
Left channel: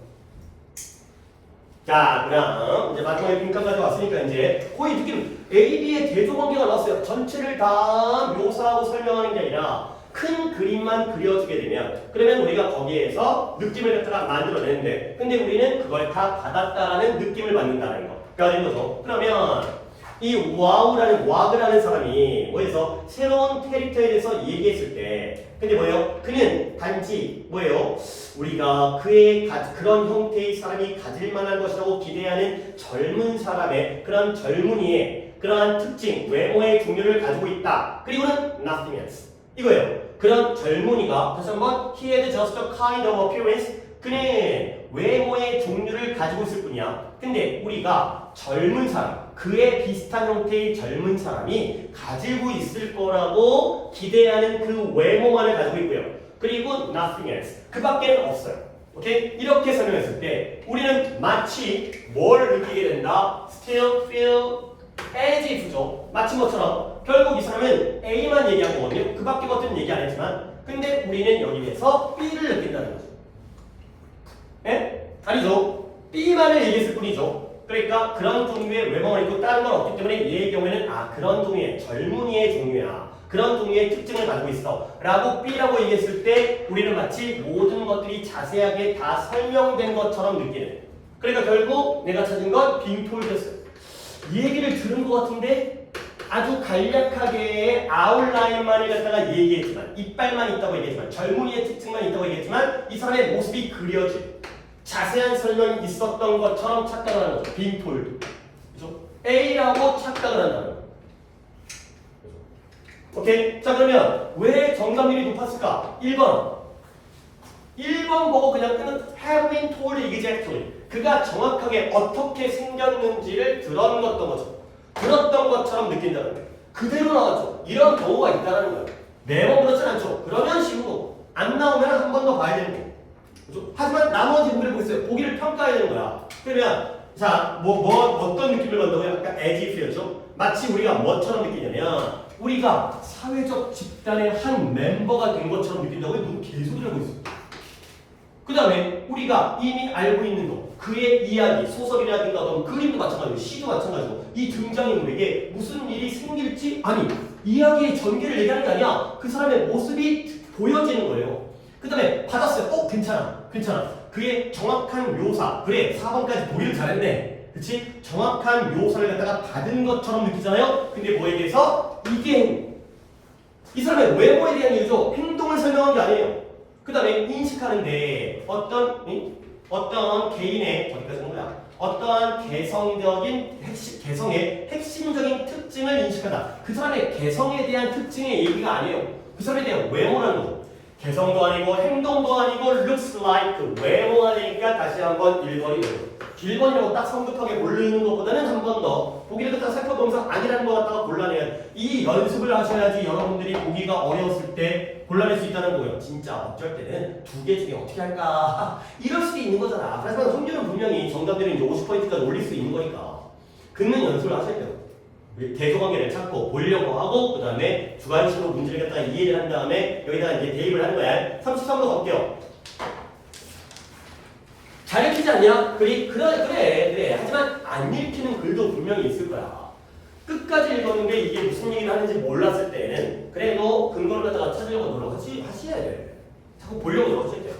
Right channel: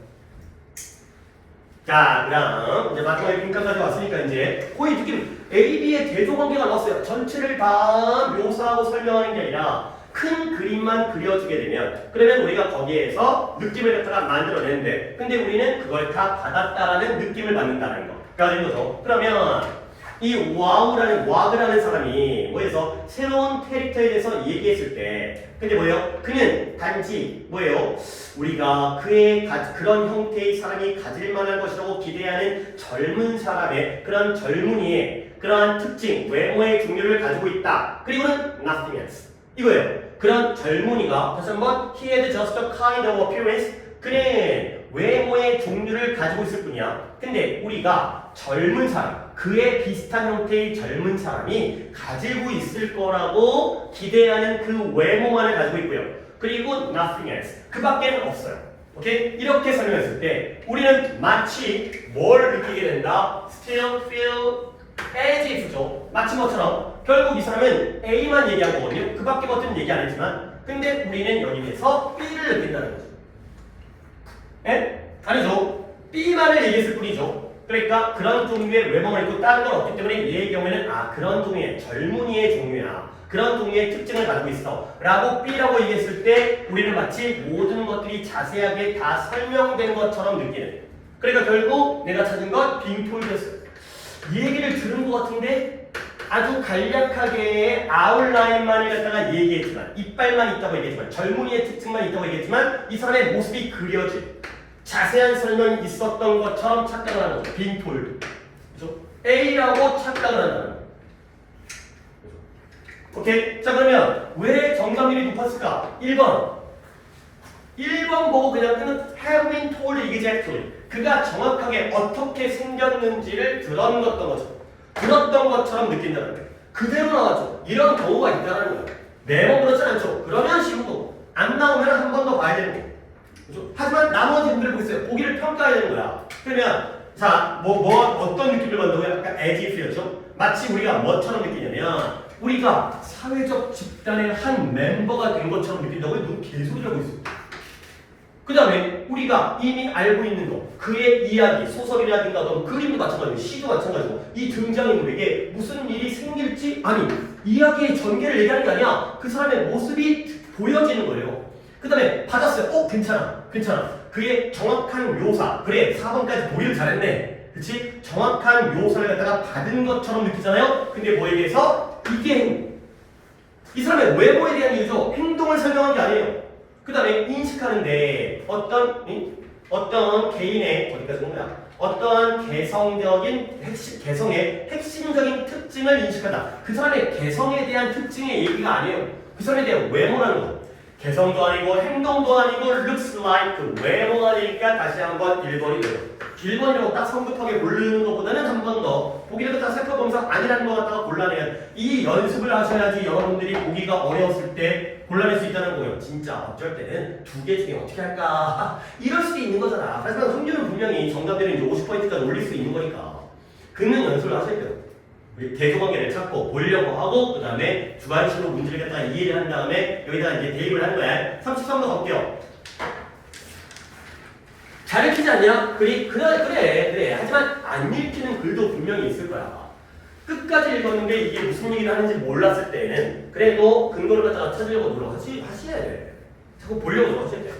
자, 그럼 이제 마지막에 빈칸까지 왔으니까 이제 거의 느낌 A, B의 대조관계가 나왔어요. 전체를 다 묘사하고 설명하는 게 아니라 큰 그림만 그려주게 되면 그러면 우리가 거기에서 느낌을 갖다가 만들어내는데 근데 우리는 그걸 다 받았다라는 느낌을 받는다는 거가 되는 거죠. 그러면 이 와그라는 사람이 뭐해서 새로운 캐릭터에 대해서 얘기했을 때 근데 뭐예요? 그는 단지 뭐예요? 우리가 그의 그런 형태의 사람이 가질 만한 것이라고 기대하는 젊은 사람의 그런 젊은이의 그러한 특징, 외모의 종류를 가지고 있다. 그리고는 nothing else. 이거예요. 그런 젊은이가 다시 한번 he had just a kind of appearance. 그는 외모의 종류를 가지고 있을 뿐이야. 근데 우리가 젊은 사람, 그에 비슷한 형태의 젊은 사람이 가지고 있을 거라고 기대하는 그 외모만을 가지고 있고요. 그리고 nothing else. 그 밖에는 없어요. 오케이? 이렇게 설명했을 때 우리는 마치 뭘 느끼게 된다? Still feel as if죠. 마치 뭐처럼 결국 이 사람은 A만 얘기한 거거든요. 그 밖에 것들은 얘기 안 했지만 근데 우리는 여기에서 B를 느낀다는 거죠. 에? 아니죠. B만을 얘기했을 뿐이죠. 그러니까 그런 종류의 외모가 있고 다른 건 없기 때문에 얘의 경우에는 그런 종류의 젊은이의 종류야. 그런 종류의 특징을 가지고 있어. 라고 B라고 얘기했을 때 우리는 마치 모든 것들이 자세하게 다 설명된 것처럼 느끼는. 그러니까 결국 내가 찾은 건 빙톨이었어요. 이 얘기를 들은 것 같은데 아주 간략하게 아웃라인만을 갖다가 얘기했지만 이빨만 있다고 얘기했지만 젊은이의 특징만 있다고 얘기했지만 이 사람의 모습이 그려진 자세한 설명이 있었던 것처럼 착각을 하는 거죠. 빈폴드. 그죠? A라고 착각을 한다는 거예요. 오케이? 자, 그러면 왜 정답률이 높았을까? 1번. 1번 보고 그냥 끄는 have been told exactly. 그가 정확하게 어떻게 생겼는지를 들었던 거죠. 들었던 것처럼 느낀다는 거예요. 그대로 나왔죠. 이런 경우가 있다는 거예요. 매번 그렇진 않죠. 그러면 쉬운 거고. 안 나오면 한 번 더 봐야 되는 거고. 그죠? 하지만 나머지 분들을 보겠어요. 보기를 평가해야 되는 거야. 그러면 자, 어떤 느낌을 받는다고요? 아까 as if였죠? 마치 우리가 뭐처럼 느끼냐면 우리가 사회적 집단의 한 멤버가 된 것처럼 느낀다고요? 너무 개소리를 하고 있어요. 그 다음에 우리가 이미 알고 있는 거, 그의 이야기, 소설이라든가 어떤 그림도 마찬가지고 시도 마찬가지고 이 등장인물에게 무슨 일이 생길지 아니 이야기의 전개를 얘기하는 게 아니야. 그 사람의 모습이 보여지는 거예요. 그 다음에 받았어요. 괜찮아. 그의 정확한 묘사. 그래 4번까지 보기를 잘했네. 그치? 정확한 묘사를 갖다가 받은 것처럼 느끼잖아요. 근데 뭐에 대해서? 이게 이 사람의 외모에 대한 이유죠. 행동을 설명한 게 아니에요. 그 다음에 인식하는데 어떤 개인의 어디까지 온 거야? 어떤 개성의 핵심적인 특징을 인식한다. 그 사람의 개성에 대한 특징의 얘기가 아니에요. 그 사람에 대한 외모라는 거죠. 개성도 아니고 행동도 아니고 looks like 외모가 되니까 다시 한번 1번이에요. 1번이라고 딱 성급하게 고르는 것보다는 한 번 더 보기를 갖다가 살펴보면서 아니라는 것 갖다가 골라내야 돼. 이 연습을 하셔야지 여러분들이 보기가 어려웠을 때 골라낼 수 있다는 거예요. 진짜 어쩔 때는 두 개 중에 어떻게 할까? 이럴 수도 있는 거잖아. 하지만 확률은 분명히 정답되는 이제 50%까지 올릴 수 있는 거니까 긁는 연습을 하셔야 돼요. 대조관계를 찾고 보려고 하고 그 다음에 주관식으로 문제를 갖다가 이해를 한 다음에 여기다가 이제 대입을 하는 거야. 33도 갈게요. 잘 읽히지 않냐? 그래. 하지만 안 읽히는 글도 분명히 있을 거야. 끝까지 읽었는데 이게 무슨 얘기를 하는지 몰랐을 때는 그래도 근거를 갖다가 찾으려고 노력하셔야 돼. 자꾸 보려고 노력하셔야 돼.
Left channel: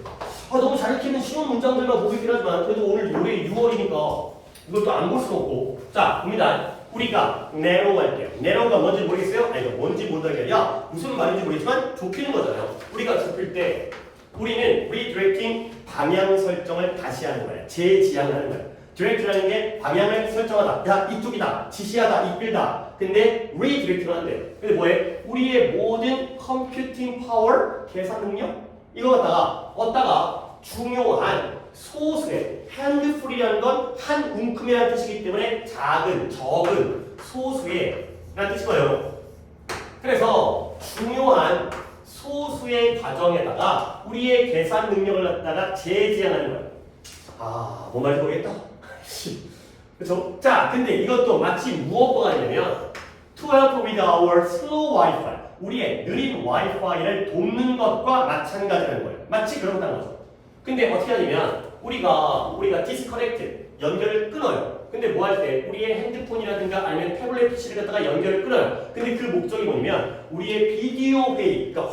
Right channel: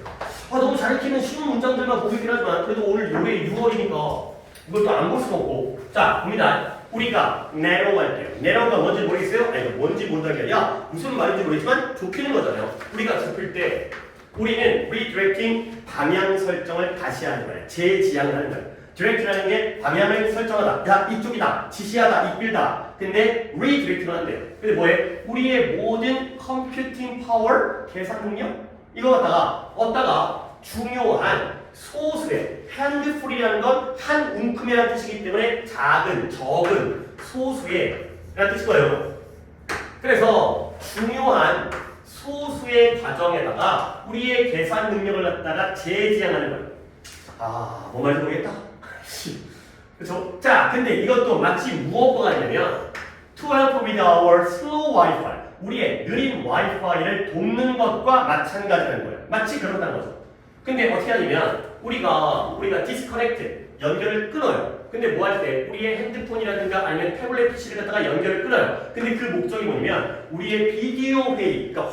너무 잘 읽히는 쉬운 문장들만 보기긴 하지만 그래도 오늘 올해 6월이니까 이것도 안 볼 수가 없고. 자, 봅니다. 우리가 narrow 할게요. narrow가 뭔지 모르겠어요? 아니, 뭔지 모르다는 게 아니라 무슨 말인지 모르겠지만 좁히는 거잖아요. 우리가 좁힐 때 우리는 redirecting 방향 설정을 다시 하는 거예요. 재지향을 하는 거예요. direct라는 게 방향을 설정하다. 야, 이쪽이다. 지시하다. 이끌다. 근데 redirect를 하는데. 근데 뭐예요? 우리의 모든 computing power, 계산 능력? 이거 갖다가 중요한 소수의 handful이라는 건 한 움큼이라는 뜻이기 때문에 적은 소수의 라는 뜻이고요. 그래서 중요한 소수의 과정에다가 우리의 계산 능력을 갖다가 재지향하는 거예요. 뭔 말인지 모르겠다. 그렇죠? 자, 근데 이것도 마치 무엇과 같냐면 to help with our slow Wi-Fi 우리의 느린 와이파이를 돕는 것과 마찬가지라는 거예요. 마치 그렇다는 거죠. 근데 어떻게 하냐면 우리가 disconnect 연결을 끊어요. 근데 뭐 할 때 우리의 핸드폰이라든가 아니면 태블릿 PC를 갖다가 연결을 끊어요. 근데 그 목적이 뭐냐면 우리의 비디오 회의, 그러니까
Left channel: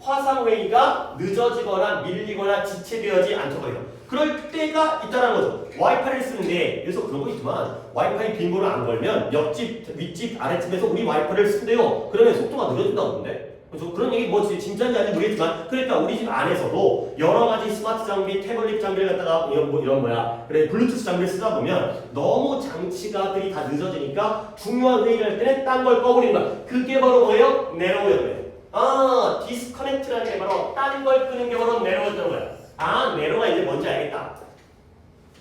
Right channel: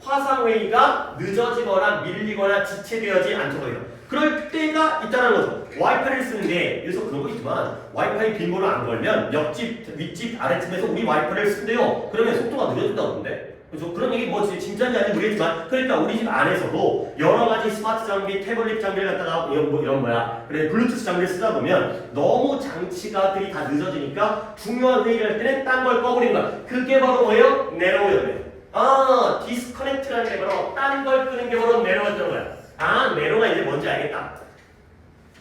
화상회의가 늦어지거나 밀리거나 지체되어지 않도록 해요. 그럴 때가 있다는 거죠. 와이파이를 쓰는데 여기서 그런 거 있지만 와이파이 빈번호 안 걸면 옆집, 윗집, 아랫집에서 우리 와이파이를 쓴대요. 그러면 속도가 늦어진다고 하던데. 그래서 그런 얘기 뭐 진짜인지 아닌지 모르겠지만 그러니까 우리 집 안에서도 여러 가지 스마트 장비, 태블릿 장비를 갖다가 그래 블루투스 장비를 쓰다 보면 너무 장치가들이 다 늦어지니까 중요한 회의를 할 때는 딴 걸 꺼버리는 거야. 그게 바로 뭐예요? 내로워요. 디스커넥트라는 게 바로 딴 걸 끄는 게 바로 내로워였던 거야. 내로가 이제 뭔지 알겠다.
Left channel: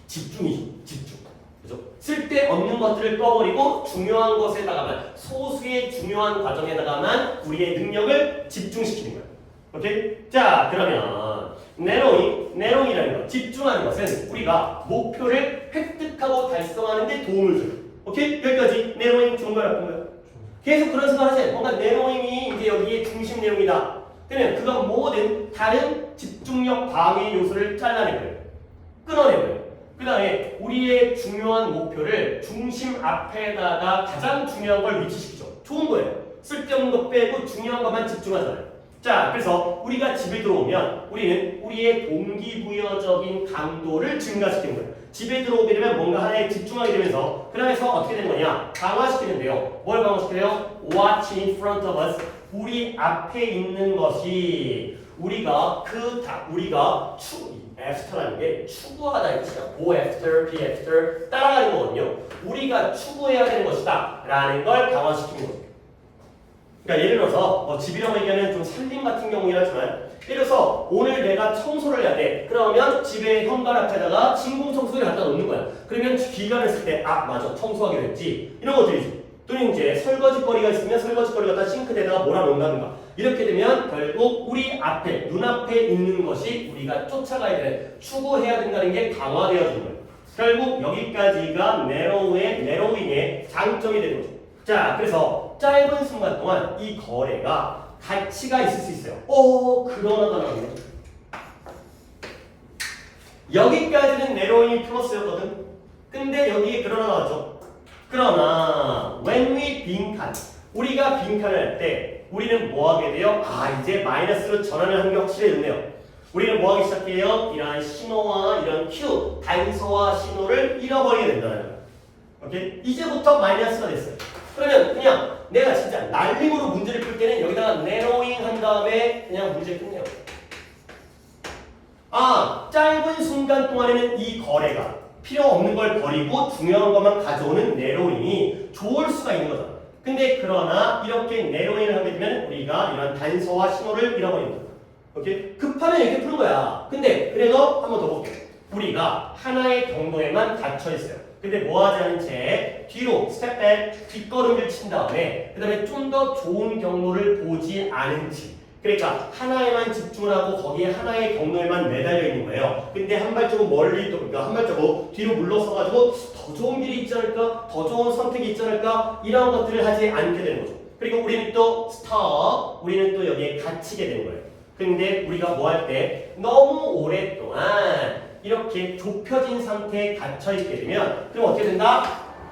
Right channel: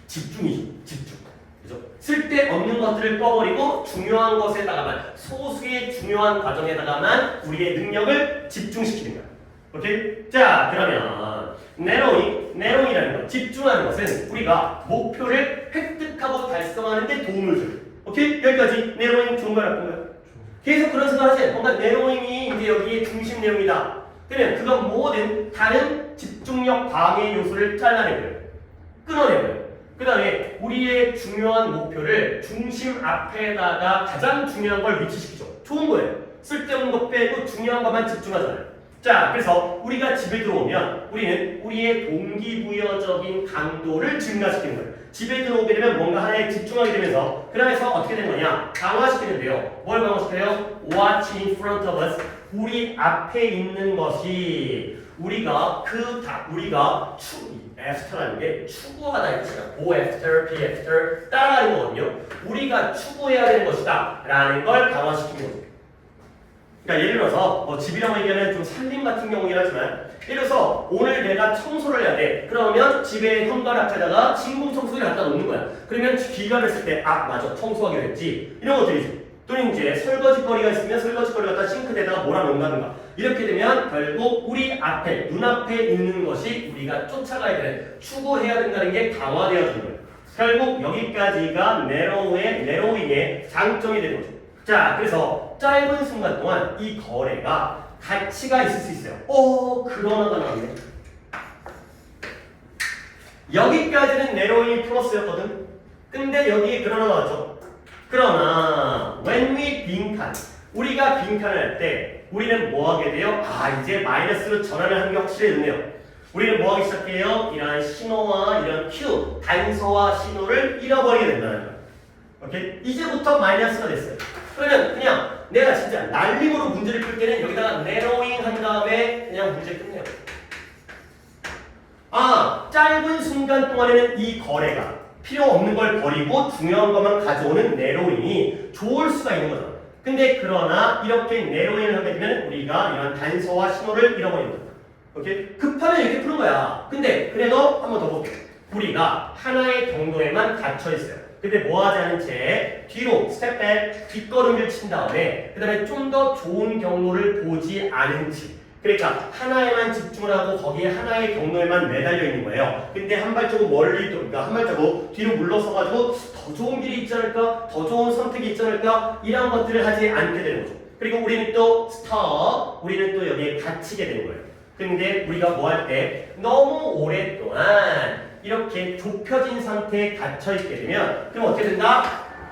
집중이죠. 집중. 그죠? 쓸데없는 것들을 꺼버리고 중요한 것에다가만 소수의 중요한 과정에다가만 우리의 능력을 집중시키는 거야. 오케이? 자, 그러면 내로잉이라는 것, 집중하는 것은 우리가 목표를 획득하고 달성하는 데 도움을 줘요. 오케이? 여기까지 내로잉 좋은 거야, 나쁜 거야? 계속 그런 생각을 하세요. 뭔가 내로잉이 이제 여기에 중심 내용이다. 그러면 그건 모든 다른 집중력 방해 요소를 잘라내고요. 끊어내고요. 그 다음에 우리의 중요한 목표를 중심 앞에다가 가장 중요한 걸 위치시키죠. 좋은 거예요. 쓸데없는 거 빼고 중요한 것만 집중하잖아요. 자, 그래서 우리가 집에 들어오면 우리는 우리의 동기부여적인 강도를 증가시키는 거예요. 집에 들어오게 되면 뭔가 하나에 집중하게 되면서 그러면서 어떻게 되는 거냐? 강화시키는데요. 뭘 강화시켜요? What's in front of us? 우리 앞에 있는 것이 우리가 after라는 게 추구하다 이거죠. go after, be after 따라가는 거거든요. 우리가 추구해야 되는 것이다 라는 걸 강화시키는 거죠. 그러니까 예를 들어서 뭐 집이라고 얘기하면 좀 살림 같은 경우긴 하지만 예를 들어서 오늘 내가 청소를 해야 돼. 그러면 집에 현관 앞에다가 진공 청소기를 갖다 놓는 거야. 그러면 귀가 됐을 때 아 맞아 청소하기로 했지 이런 것들이죠. 또는 이제 설거지거리가 있으면 설거지거리 갖다 싱크대에다가 몰아놓는다든가 이렇게 되면 결국 우리 앞에 눈앞에 있는 것이 우리가 쫓아가야 되는 추구해야 된다는 게 강화되어지는 거예요. 결국 여기까지가 내로잉의 장점이 되는 거죠. 자, 그래서 짧은 순간 동안 이 거래가 가치가 있을 수 있어요. 그러나가 나왔네. 여기까지는 내로잉이 플러스였거든. 근데 여기 그러나 나왔죠. 그러나 when we 빈칸, 우리가 빈칸을 할 때 우리는 뭐 하게 돼요? 이제 마이너스로 전환을 하는 게 확실해졌네요. 우리는 뭐 하기 시작해요? 이런 신호와 이런 큐, 단서와 신호를 잃어버리게 된다는 거예요. 오케이? 이제부터 마이너스가 됐어요. 그러면 그냥 내가 진짜 날림으로 문제를 풀 때는 여기다가 narrowing 한 다음에 그냥 문제 끝내요. 짧은 순간 동안에는 이 거래가 필요 없는 걸 버리고 중요한 것만 가져오는 narrowing이 좋을 수가 있는 거죠. 근데 그러나 이렇게 narrowing을 하게 되면 우리가 이런 단서와 신호를 잃어버린다. 오케이? 급하면 이렇게 푸는 거야. 근데 그래도 한 번 더 볼게요. 우리가 하나의 경로에만 갇혀 있어요. 근데 뭐 하지 않은 채 뒤로 스텝백 뒷걸음질 친 다음에 그 다음에 좀 더 좋은 경로를 보지 않은 채 그러니까 하나에만 집중을 하고 거기에 하나의 경로에만 매달려 있는 거예요. 근데 한 발자국 멀리 또 그러니까 한 발자국 뒤로 물러서가지고 더 좋은 길이 있지 않을까? 더 좋은 선택이 있지 않을까? 이런 것들을 하지 않게 되는 거죠. 그리고 우리는 또 우리는 또 여기에 갇히게 되는 거예요. 근데 우리가 뭐 할 때 너무 오랫동안 이렇게 좁혀진 상태에 갇혀있게 되면 그럼 어떻게 된다?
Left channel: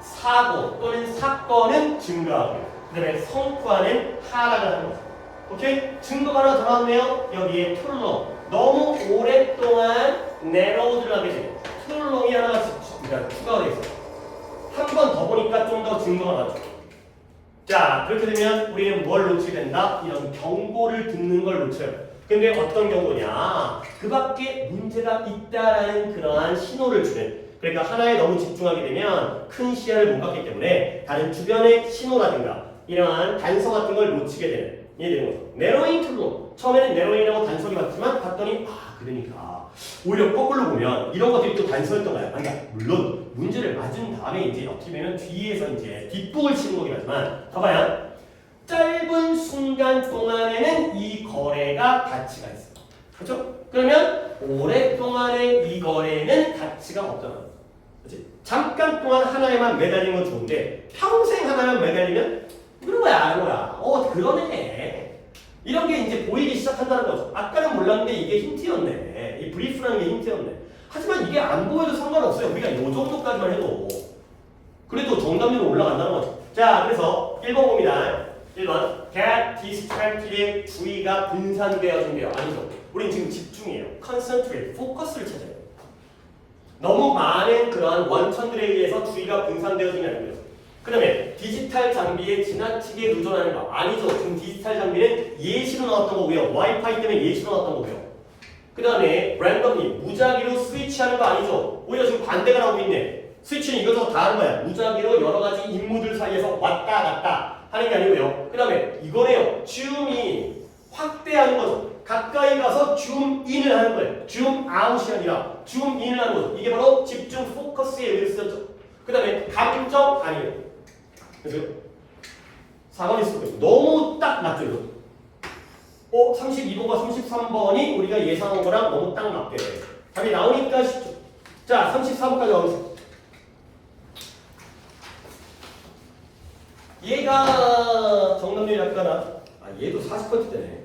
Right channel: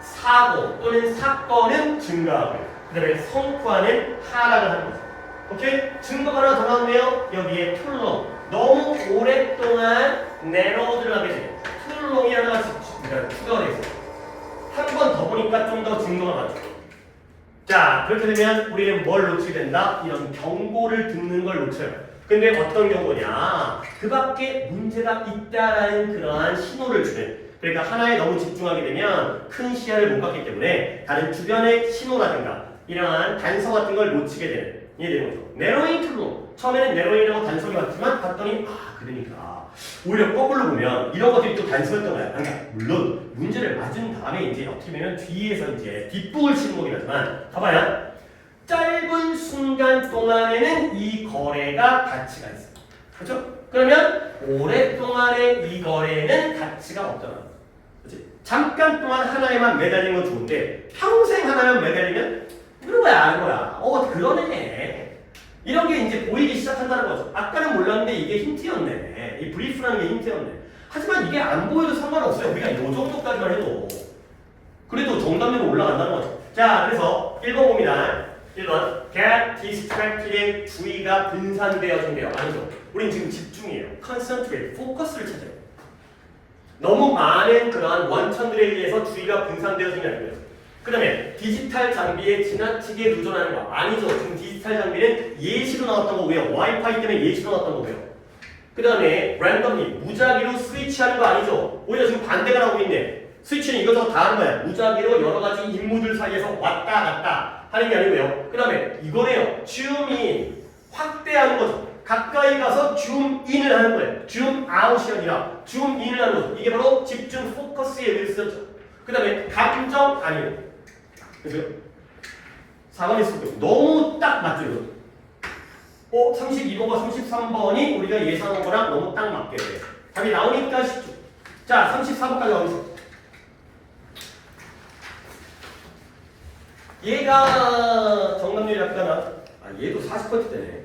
사고 또는 사건은 증가하고 그 다음에 성과는 하락을 하는 거죠. 오케이? 증거가 하나 더 나왔네요. 여기에 툴롱 너무 오랫동안 내로우드를 하게 돼요. 툴롱이 하나 추가가 되어 있어요. 한 번 더 보니까 좀 더 증거가 나죠. 자, 그렇게 되면 우리는 뭘 놓치게 된다? 이런 경고를 듣는 걸 놓쳐요. 근데 어떤 경고냐? 그 밖에 문제가 있다라는 그러한 신호를 주는. 그러니까 하나에 너무 집중하게 되면 큰 시야를 못 갖기 때문에 다른 주변의 신호라든가 이러한 단서 같은 걸 놓치게 되는. 이해되는 거죠? 네로잉 툴로 처음에는 네로잉이라고 단서를 봤지만 봤더니 그러니까 오히려 거꾸로 보면 이런 것들이 또 단서였던 거야. 그러니까 물론 문제를 맞은 다음에 이제 어떻게 보면 뒤에서 이제 뒷북을 치는 거긴 하지만 봐봐요. 짧은 순간 동안에는 이 거래가 가치가 있어요. 그렇죠? 그러면 오랫동안의 이 거래는 가치가 없잖아. 그렇지? 잠깐 동안 하나에만 매달리는 건 좋은데 평생 하나에만 매달리면 그런 거야, 아는 거야. 그러네. 이런 게 이제 보이기 시작한다는 거죠. 아까는 몰랐는데 이게 힌트였네. 이 브리프라는 게 힌트였네. 하지만 이게 안 보여도 상관없어요. 우리가 이 정도까지만 해도. 그래도 정답률은 올라간다는 거죠. 자, 그래서 1번 봅니다. 1번 get distracted 주의가 분산되어진대요. 아니죠. 우린 지금 집중이에요. concentrate, 포커스를 찾아요. 너무 많은 그러한 원천들에 의해서 주의가 분산되어지는 아니고요. 그 다음에 디지털 장비에 지나치게 의존하는 거 아니죠. 지금 디지털 장비는 예시로 나왔던 거고요. 와이파이 때문에 예시로 나왔던 거고요. 그 다음에 랜덤리 무작위로 스위치하는 거 아니죠. 오히려 지금 반대가 나오고 있네. 스위치는 이것저것 다 하는 거야. 무작위로 여러 가지 인물들 사이에서 왔다 갔다 하는 게 아니고요. 그 다음에 이거네요. 줌인 확대하는 거죠. 가까이 가서 줌인을 하는 거예요. 줌아웃이 아니라 줌인을 하는 거죠. 이게 바로 집중 포커스에 의해서죠. 그 다음에 감정 아니에요. 그죠? 4번이 있을 너무 딱 맞죠, 이거? 32번과 33번이 우리가 예상한 거랑 너무 딱 맞게 돼. 답이 나오니까 쉽죠. 자, 34번까지 나오겠습니다. 얘가 정답률이 약간 얘도 40%대네.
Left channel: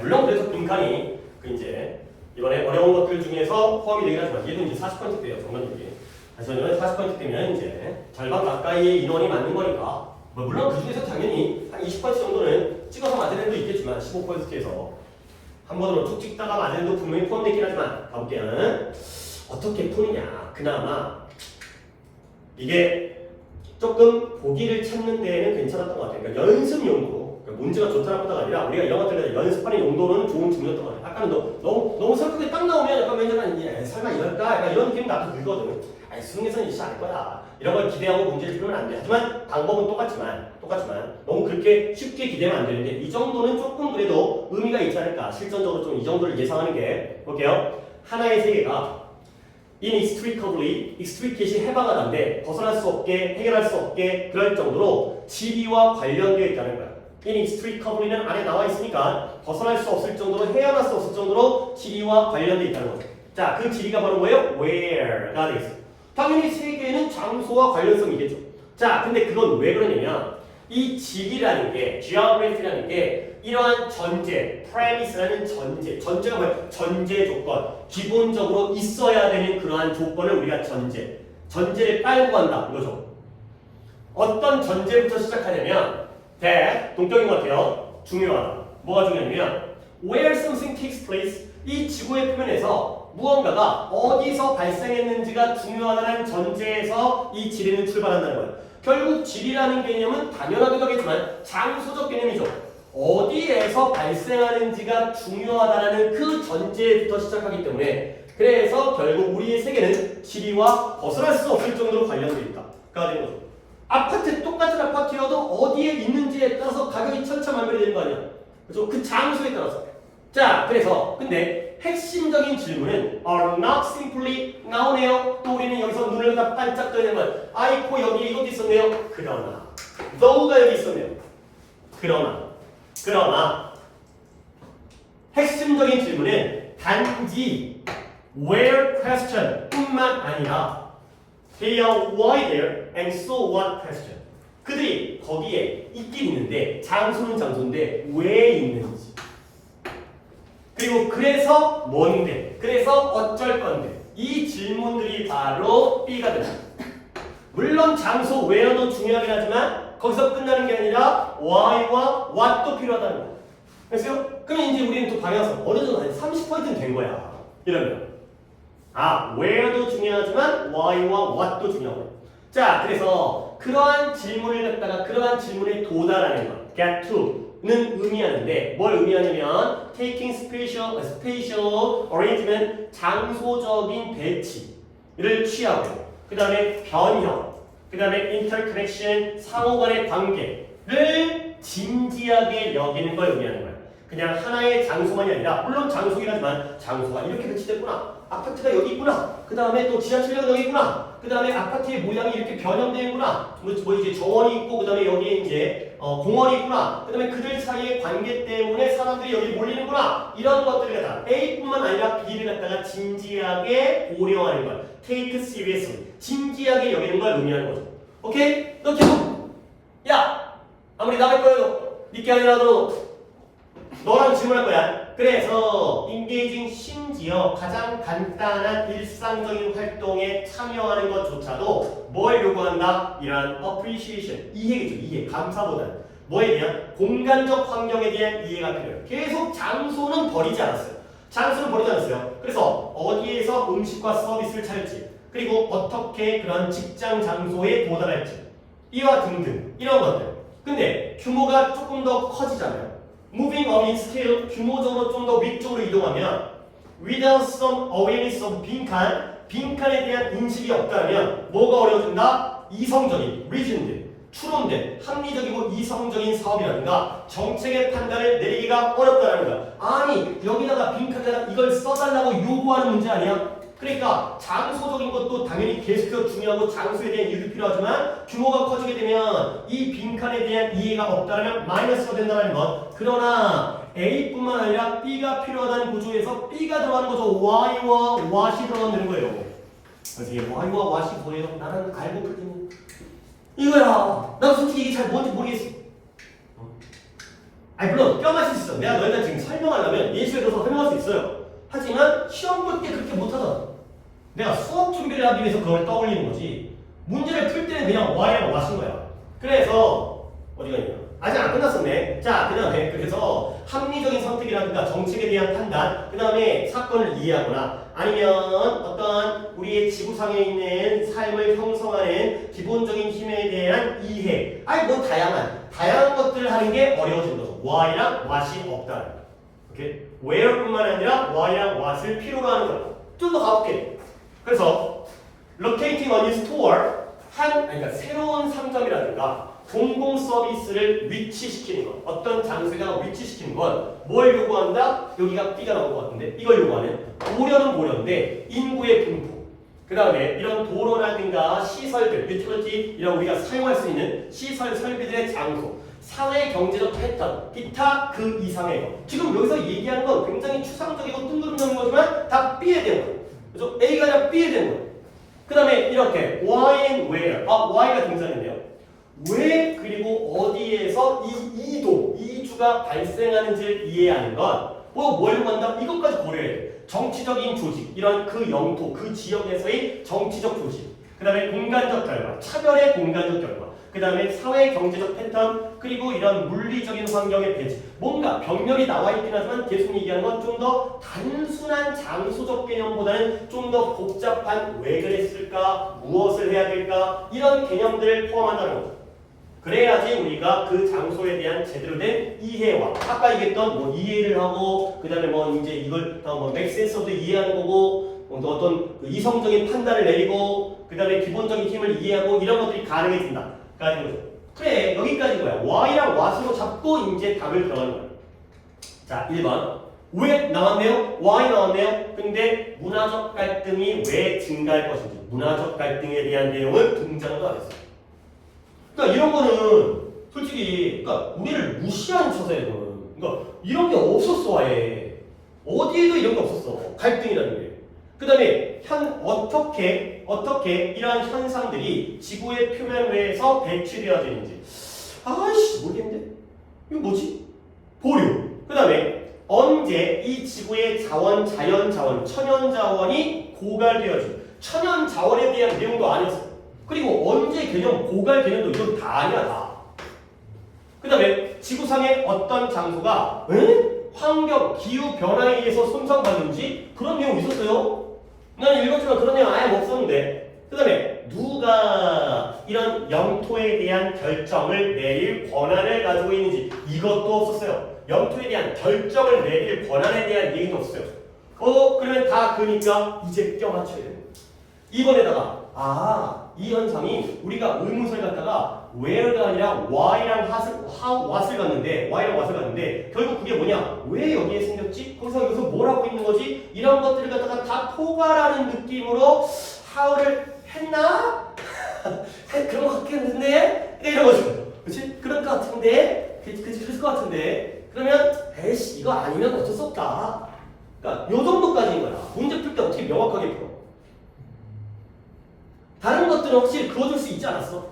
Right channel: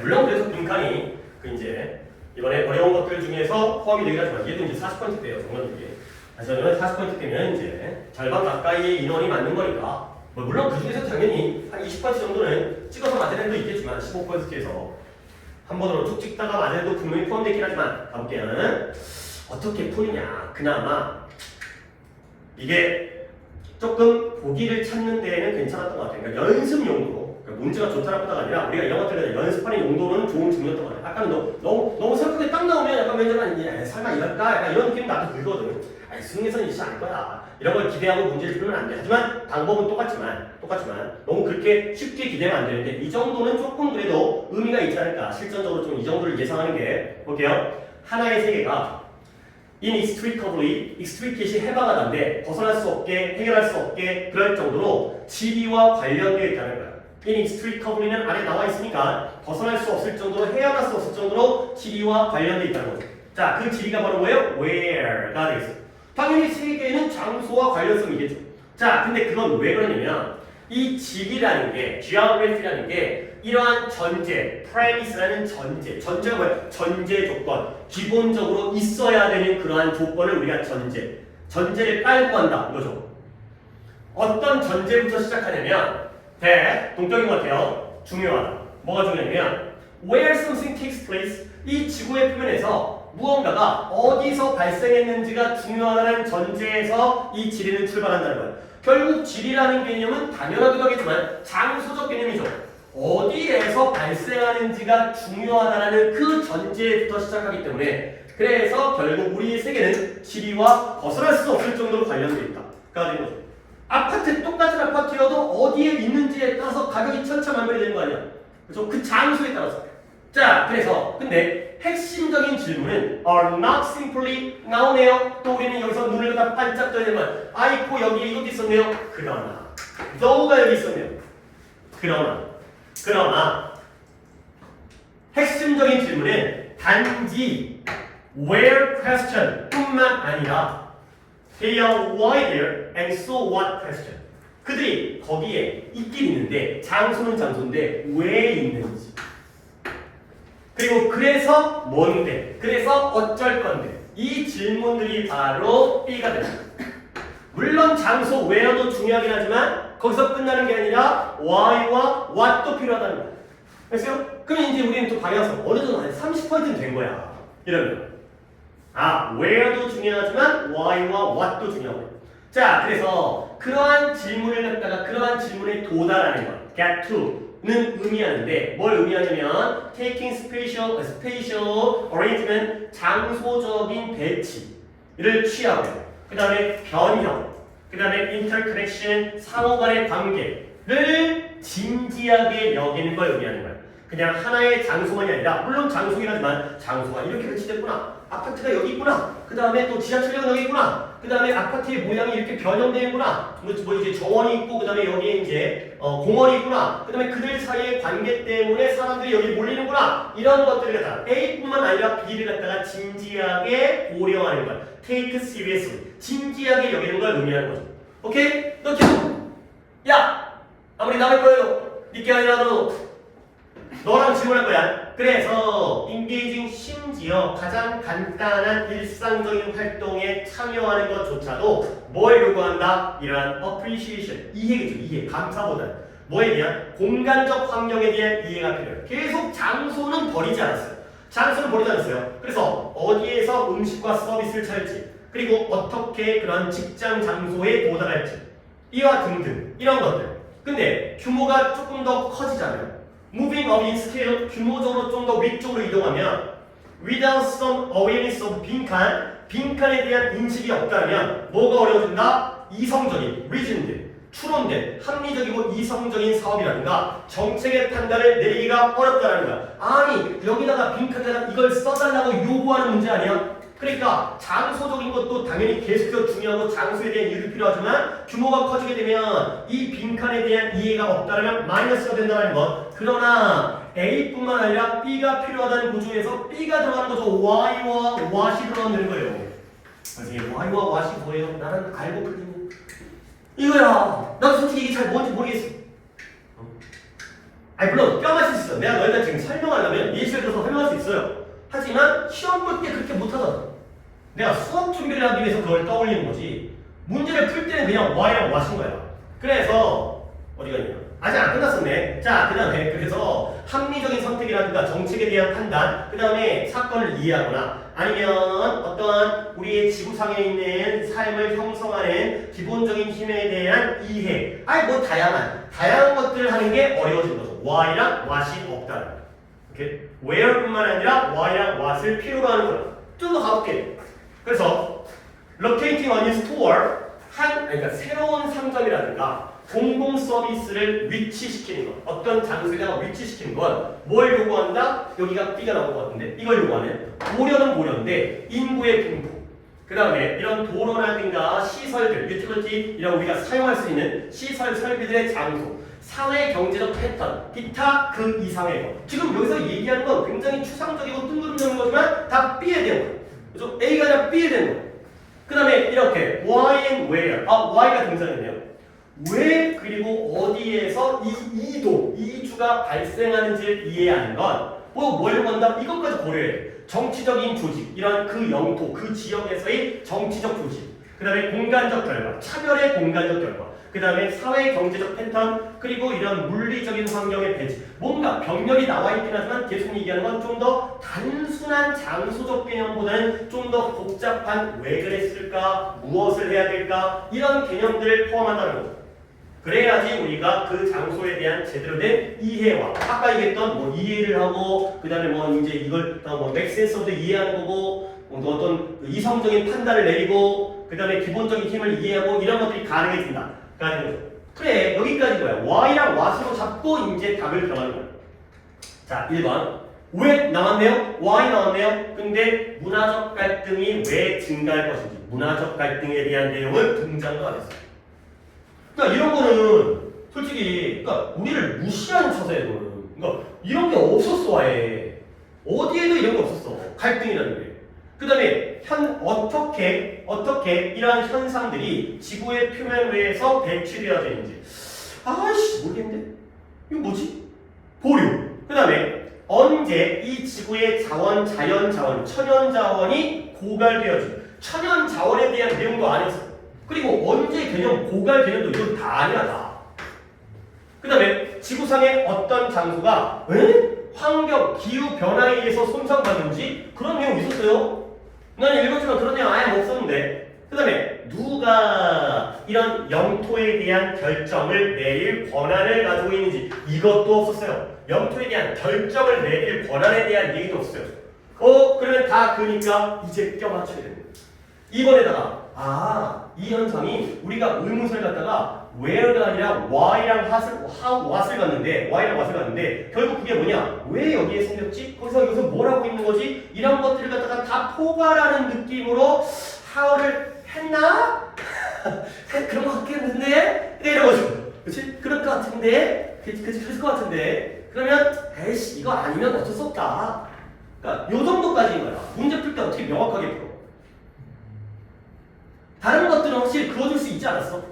물론 그래서 빈칸이 이제 이번에 어려운 것들 중에서 포함이 되긴 하지만 얘도 이제 40%대예요, 정답률이. 그래서 40%대면 이제 절반 가까이의 인원이 맞는 거니까 물론 그 중에서 당연히 한 20% 정도는 찍어서 맞은 애도 있겠지만 15%에서 한 번으로 쭉 찍다가 맞은 애도 분명히 포함되긴 하지만 가볼게요. 어떻게 푸느냐. 그나마 이게 조금 보기를 찾는 데에는 괜찮았던 것 같아요. 그러니까 연습 용도로 그러니까 문제가 좋다 나쁘다가 아니라 우리가 이런 것들을 연습하는 용도로는 좋은 질문이었던 것 같아요. 아까는 너무 설득이 딱 나오면 약간 왠지 설마 이럴까? 약간 이런 느낌 나도 들거든. 아니 수능에서는 이렇지 않을 거야. 이런 걸 기대하고 문제를 풀면 안 돼. 하지만 방법은 똑같지만 너무 그렇게 쉽게 기대면 안 되는데 이 정도는 조금 그래도 의미가 있지 않을까. 실전적으로 좀 이 정도를 예상하는 게 볼게요. 하나의 세계가 inextricably, extricat이 해방하다인데 벗어날 수 없게, 해결할 수 없게 그럴 정도로 지리와 관련되어 있다는 거야. inextricably는 안에 나와 있으니까 벗어날 수 없을 정도로, 헤어날 수 없을 정도로 지리와 관련되어 있다는 거죠. 자, 그 지리가 바로 뭐예요? where가 되겠어. 당연히 세계는 장소와 관련성이겠죠. 자, 근데 그건 왜 그러냐면 이 지리라는 게, geography라는 게 이러한 전제, premise라는 전제가 뭐예요? 전제 조건, 기본적으로 있어야 되는 그러한 조건을 우리가 전제를 깔고 한다 이거죠. 어떤 전제부터 시작하냐면 동격인 것 같아요. 중요하다. 뭐가 중요하냐면 where something takes place, 이 지구의 표면에서 무언가가 어디서 발생했는지가 중요하다는 전제에서 이 지리는 출발한다는 거예요. 결국 지리라는 개념은 당연하기도 하겠지만 장소적 개념이죠. 어디에서 발생하는지가 중요하다는 그 전제부터 시작하기 때문에 그래서 결국 우리의 세계는 지리와 벗어날 수 없을 정도로 관련되어 있다가 되는 거죠. 아파트 똑같은 아파트여도 어디에 있는지에 따라서 가격이 천차만별이 되는 거 아니야. 그렇죠? 그 장소에 따라서. 자, 그래서 근데 핵심적인 질문은 are not simply 나오네요. 또 우리는 여기서 눈을 다 반짝 떠야 되는 거야. 아이고 여기에 이것도 있었네요. 그러나 though가 여기 있었네요. 그러나 핵심적인 질문은 단지 where question 뿐만 아니라 they are why there and so what question. 그들이 거기에 있긴 있는데 장소는 장소인데 왜 있는지, 그리고 그래서 뭔데, 그래서 어쩔 건데, 이 질문들이 바로 B가 됩니다. 물론 장소 where도 중요하긴 하지만 거기서 끝나는 게 아니라 why와 what도 필요하다는 거예요. 됐어요? 그럼 이제 우리는 또 방향성 어느 정도 한 30%는 된 거야. 이러면 where도 중요하지만 why와 what도 중요한 거예요. 자, 그래서 그러한 질문을 갖다가 그러한 질문에 도달하는 것, get to는 의미하는데 뭘 의미하냐면 taking spatial arrangement, 장소적인 배치를 취하고요. 그 다음에 변형, 그 다음에 interconnection, 상호간의 관계를 진지하게 여기는 걸 의미하는 거예요. 그냥 하나의 장소만이 아니라 물론 장소긴 하지만 장소가 이렇게 배치됐구나, 아파트가 여기 있구나, 그 다음에 또 지하철역 여기 있구나, 그 다음에 아파트의 모양이 이렇게 변형되어 있구나, 뭐 이제 정원이 있고 그 다음에 여기에 이제 공원이 있구나, 그 다음에 그들 사이의 관계 때문에 사람들이 여기 몰리는구나, 이런 것들을 갖다가 A뿐만 아니라 B를 갖다가 진지하게 고려하는 걸 take seriously, 진지하게 여기는 걸 의미하는 거죠. 오케이? 너 계속 야 아무리 나갈 거예요 니께 아니라도 너랑 질문할 거야. 그래서 engaging, 심지어 가장 간단한 일상적인 활동에 참여하는 것조차도 뭘 요구한다? 이러한 appreciation, 이해겠죠. 이해, 감사보다는 뭐에 대한? 공간적 환경에 대한 이해가 필요해요. 계속 장소는 버리지 않았어요. 그래서 어디에서 음식과 서비스를 찾을지, 그리고 어떻게 그런 직장 장소에 도달할지, 이와 등등 이런 것들. 근데 규모가 조금 더 커지잖아요. Moving up in scale, 규모적으로 좀 더 위쪽으로 이동하면 without some awareness of 빈칸에 대한 인식이 없다면 뭐가 어려워진다? 이성적인, reasoned, 추론된, 합리적이고 이성적인 사업이라든가 정책의 판단을 내리기가 어렵다는 거야. 아니 여기다가 빈칸에다가 이걸 써달라고 요구하는 문제 아니야? 그러니까 장소적인 것도 당연히 계속해서 중요하고 장소에 대한 이해도 필요하지만 규모가 커지게 되면 이 빈칸에 대한 이해가 없다면 마이너스가 된다는 것. 그러나 A뿐만 아니라 B가 필요하다는 구조에서 B가 들어가는 거죠. Y와 what이 들어가는 거예요. 그래서 이게 Y와 what이 뭐예요? 나는 알고 풀리는 이거야. 나도 솔직히 이게 잘 뭔지 모르겠어. 아니 물론 뼈 맞출 수 있어. 내가 너희들 지금 설명하려면 예시를 들어서 설명할 수 있어요. 하지만 시험 볼 때 그렇게 못하잖아. 내가 수업 준비를 하기 위해서 그걸 떠올리는 거지. 문제를 풀 때는 그냥 Y랑 What인 거야. 그래서 어디가 있냐? 아직 안 끝났었네. 자, 그 다음에 그래서 합리적인 선택이라든가 정책에 대한 판단, 그 다음에 사건을 이해하거나 아니면 어떠한 우리의 지구상에 있는 삶을 형성하는 기본적인 힘에 대한 이해. 아니 뭐 다양한 것들을 하는 게 어려워지는 거죠. why랑 what이 없다는. 오케이? where뿐만 아니라 why랑 what을 필요로 하는 거야. 좀 더 가볼게. 그래서 locating a new store 그러니까 새로운 상점이라든가 공공 서비스를 위치시키는 것, 어떤 장소에다가 위치시키는 건 뭘 요구한다? 여기가 B가 나온 것 같은데 이걸 요구하는 고려는 고려인데 인구의 분포, 그 다음에 이런 도로라든가 시설들, 유틸리티 이런 우리가 사용할 수 있는 시설 설비들의 장소, 사회 경제적 패턴, 기타 그 이상의 것. 지금 여기서 얘기하는 건 굉장히 추상적이고 뜬구름적인 거지만 다 B에 대한 거예요. 그래서 A가 아니라 B에 대한 거예요. 그 다음에 이렇게 why and where, why가 등장했네요. 왜 그리고 어디에서 이 이주가 발생하는지를 이해하는 건 뭘 한다? 이것까지 고려해야 돼. 정치적인 조직, 이런 그 영토, 그 지역에서의 정치적 조직, 그 다음에 공간적 결과, 차별의 공간적 결과, 그 다음에 사회 경제적 패턴, 그리고 이런 물리적인 환경의 배치. 뭔가 병렬이 나와 있긴 하지만 계속 얘기하는 건 좀 더 단순한 장소적 개념보다는 좀 더 복잡한 왜 그랬을까, 무엇을 해야 될까, 이런 개념들을 포함한다는 거죠. 그래야지 우리가 그 장소에 대한 제대로 된 이해와 아까 얘기했던 뭐 이해를 하고 그 다음에 뭐 이제 이걸 뭐 맥센서도 이해하는 거고 어떤 이성적인 판단을 내리고 그 다음에 기본적인 힘을 이해하고 이런 것들이 가능해진다. 그래 여기까지 거야. why랑 what으로 잡고 이제 답을 정하는 거야. 자 1번 왜 나왔네요? why 나왔네요? 근데 문화적 갈등이 왜 증가할 것인지 문화적 갈등에 대한 내용을 등장도 안 했어요. 그러니까 이런 거는 솔직히 그러니까 우리를 무시하는 처세거든. 그러니까 이런 게 없었어 아예. 어디에도 이런 게 없었어. 갈등이라는 게. 그 다음에 어떻게 이러한 현상들이 지구의 표면 위에서 배치되어지는지. 아이씨 모르겠는데? 이거 뭐지? 보류. 그 다음에 언제 이 지구의 자연 자원, 천연 자원이 고갈되어지고 천연 자원에 대한 내용도 안 했어. 그리고 언제 개념, 고갈 개념도 이건 다 아니야 다. 그 다음에 지구상의 어떤 장소가 환경, 기후 변화에 의해서 손상받는지 그런 내용 있었어요. 난 읽었지만 그런 내용 아예 없었는데. 그 다음에 누가 이런 영토에 대한 결정을 내릴 권한을 가지고 있는지 이것도 없었어요. 영토에 대한 결정을 내릴 권한에 대한 얘기도 없어요. 그러면 다 그러니까 이제 껴맞춰야 되는 거예요. 이번에다가 이 현상이 우리가 의문사를 갖다가 where가 아니라 why랑 what을 갔는데 결국 그게 뭐냐? 왜 여기에 생겼지? 여기서 뭘 하고 있는 거지? 이런 것들을 갖다가 다 포괄하는 느낌으로 how를 했나? 그런 것 같긴 한데 이런 거죠. 그치? 그럴 것 같은데 그럴 것 같은데 그러면 에이씨 이거 아니면 어쩔 수 없다. 그러니까 요 정도까지인 거야. 문제 풀 때 어떻게 명확하게 풀어. 다른 것들은 확실히 그어줄 수 있지 않았어?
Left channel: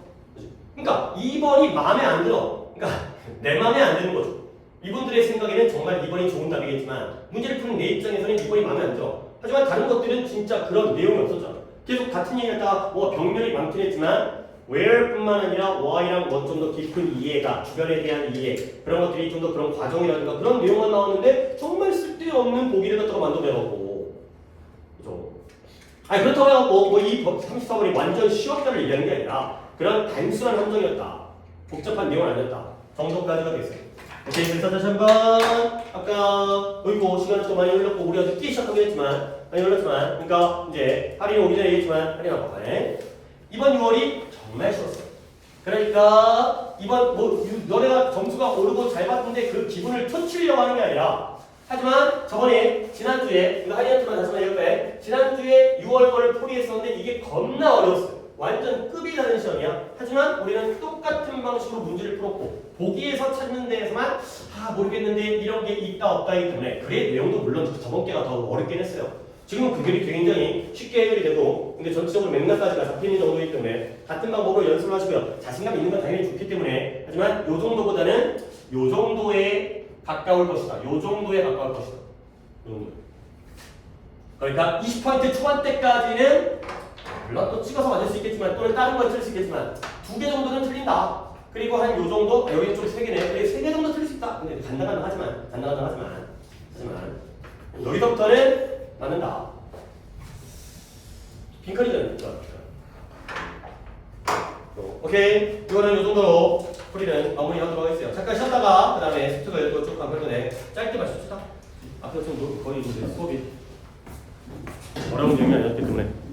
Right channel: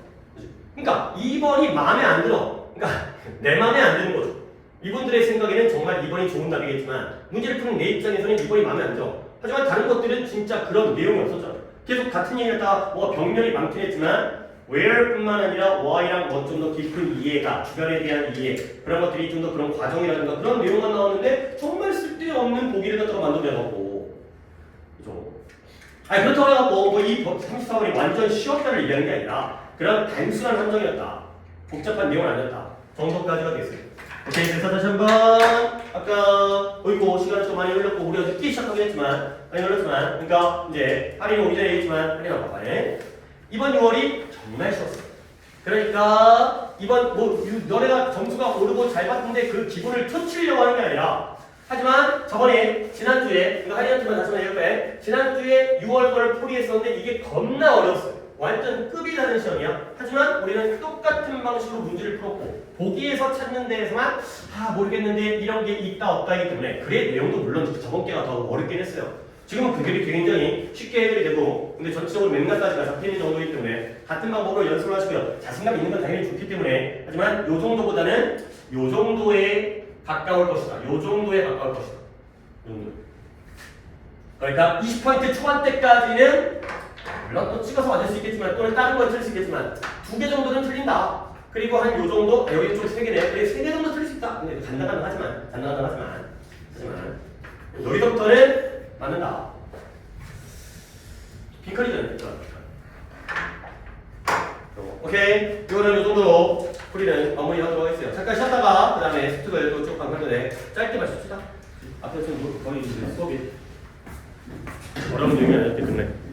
그러니까 2번이 마음에 안 들어. 그러니까 내 마음에 안 드는 거죠. 이분들의 생각에는 정말 2번이 좋은 답이겠지만 문제를 푸는 내 입장에서는 2번이 마음에 안 들어. 하지만 다른 것들은 진짜 그런 내용이 없었잖아. 계속 같은 얘기했다가 뭐 병렬이 많긴 했지만 where뿐만 아니라 why랑 뭐 좀 더 깊은 이해가 주변에 대한 이해 그런 것들이 좀 더 그런 과정이라든가 그런 내용만 나오는데 정말 쓸데없는 보기를 갖다가 만들어내갖고 아니 그렇다고 해서 이 34번이 완전 쉬웠다를 얘기하는 게 아니라 그런 단순한 함정이었다. 복잡한 내용은 아니었다. 정도까지가 됐어요. 오케이, 그래서 다시 한번 아까 어이구 시간이 좀 많이 흘렀고 우리가 늦게 시작하긴 했지만 많이 흘렀지만 그러니까 이제 할인 오기 전에 얘기했지만 할인 아빠가네 이번 6월이 정말 쉬웠어요. 그러니까 이번 너네가 점수가 오르고 잘 봤는데 그 기분을 터치려고 하는 게 아니라 하지만 저번에 지난주에 이거 할인한테만 다시 한번 얘기해. 지난주에 6월 거를 풀이했었는데 이게 겁나 어려웠어요. 완전 급이 다른 시험이야. 하지만 우리는 똑같은 방식으로 문제를 풀었고 보기에서 찾는 데에서만 모르겠는데 이런 게 있다 없다이기 때문에 그래 내용도 물론 저번 게가 더 어렵긴 했어요. 지금은 그들이 굉장히 쉽게 해결이 되고 근데 전체적으로 맥락까지가 잡히는 정도이기 때문에 같은 방법으로 연습을 하시고요. 자신감 있는 건 당연히 좋기 때문에 하지만 요 정도보다는 요 정도에 가까울 것이다. 요 정도에 가까울 것이다. 요 정도. 그러니까 20포인트 초반대까지는 물론 또 찍어서 맞을 수 있겠지만 또는 다른 걸 틀 수 있겠지만 2개 정도는 틀린다. 그리고 한 요 정도 여기 좀 3개네. 그래 3개 정도 틀릴 수 있다. 근데 간단하지만 여기서부터는 맞는다. 빈칸이잖아요. 그렇죠? 오케이. 이거는 요 정도로 풀이는 마무리하도록 하겠어요. 잠깐 쉬었다가 그 다음에 스투를 또 쭉 강변 전에 짧게만 쉽시다. 앞에서 좀 거의 이제 수업이 어려운 내용이 아니었기 때문에.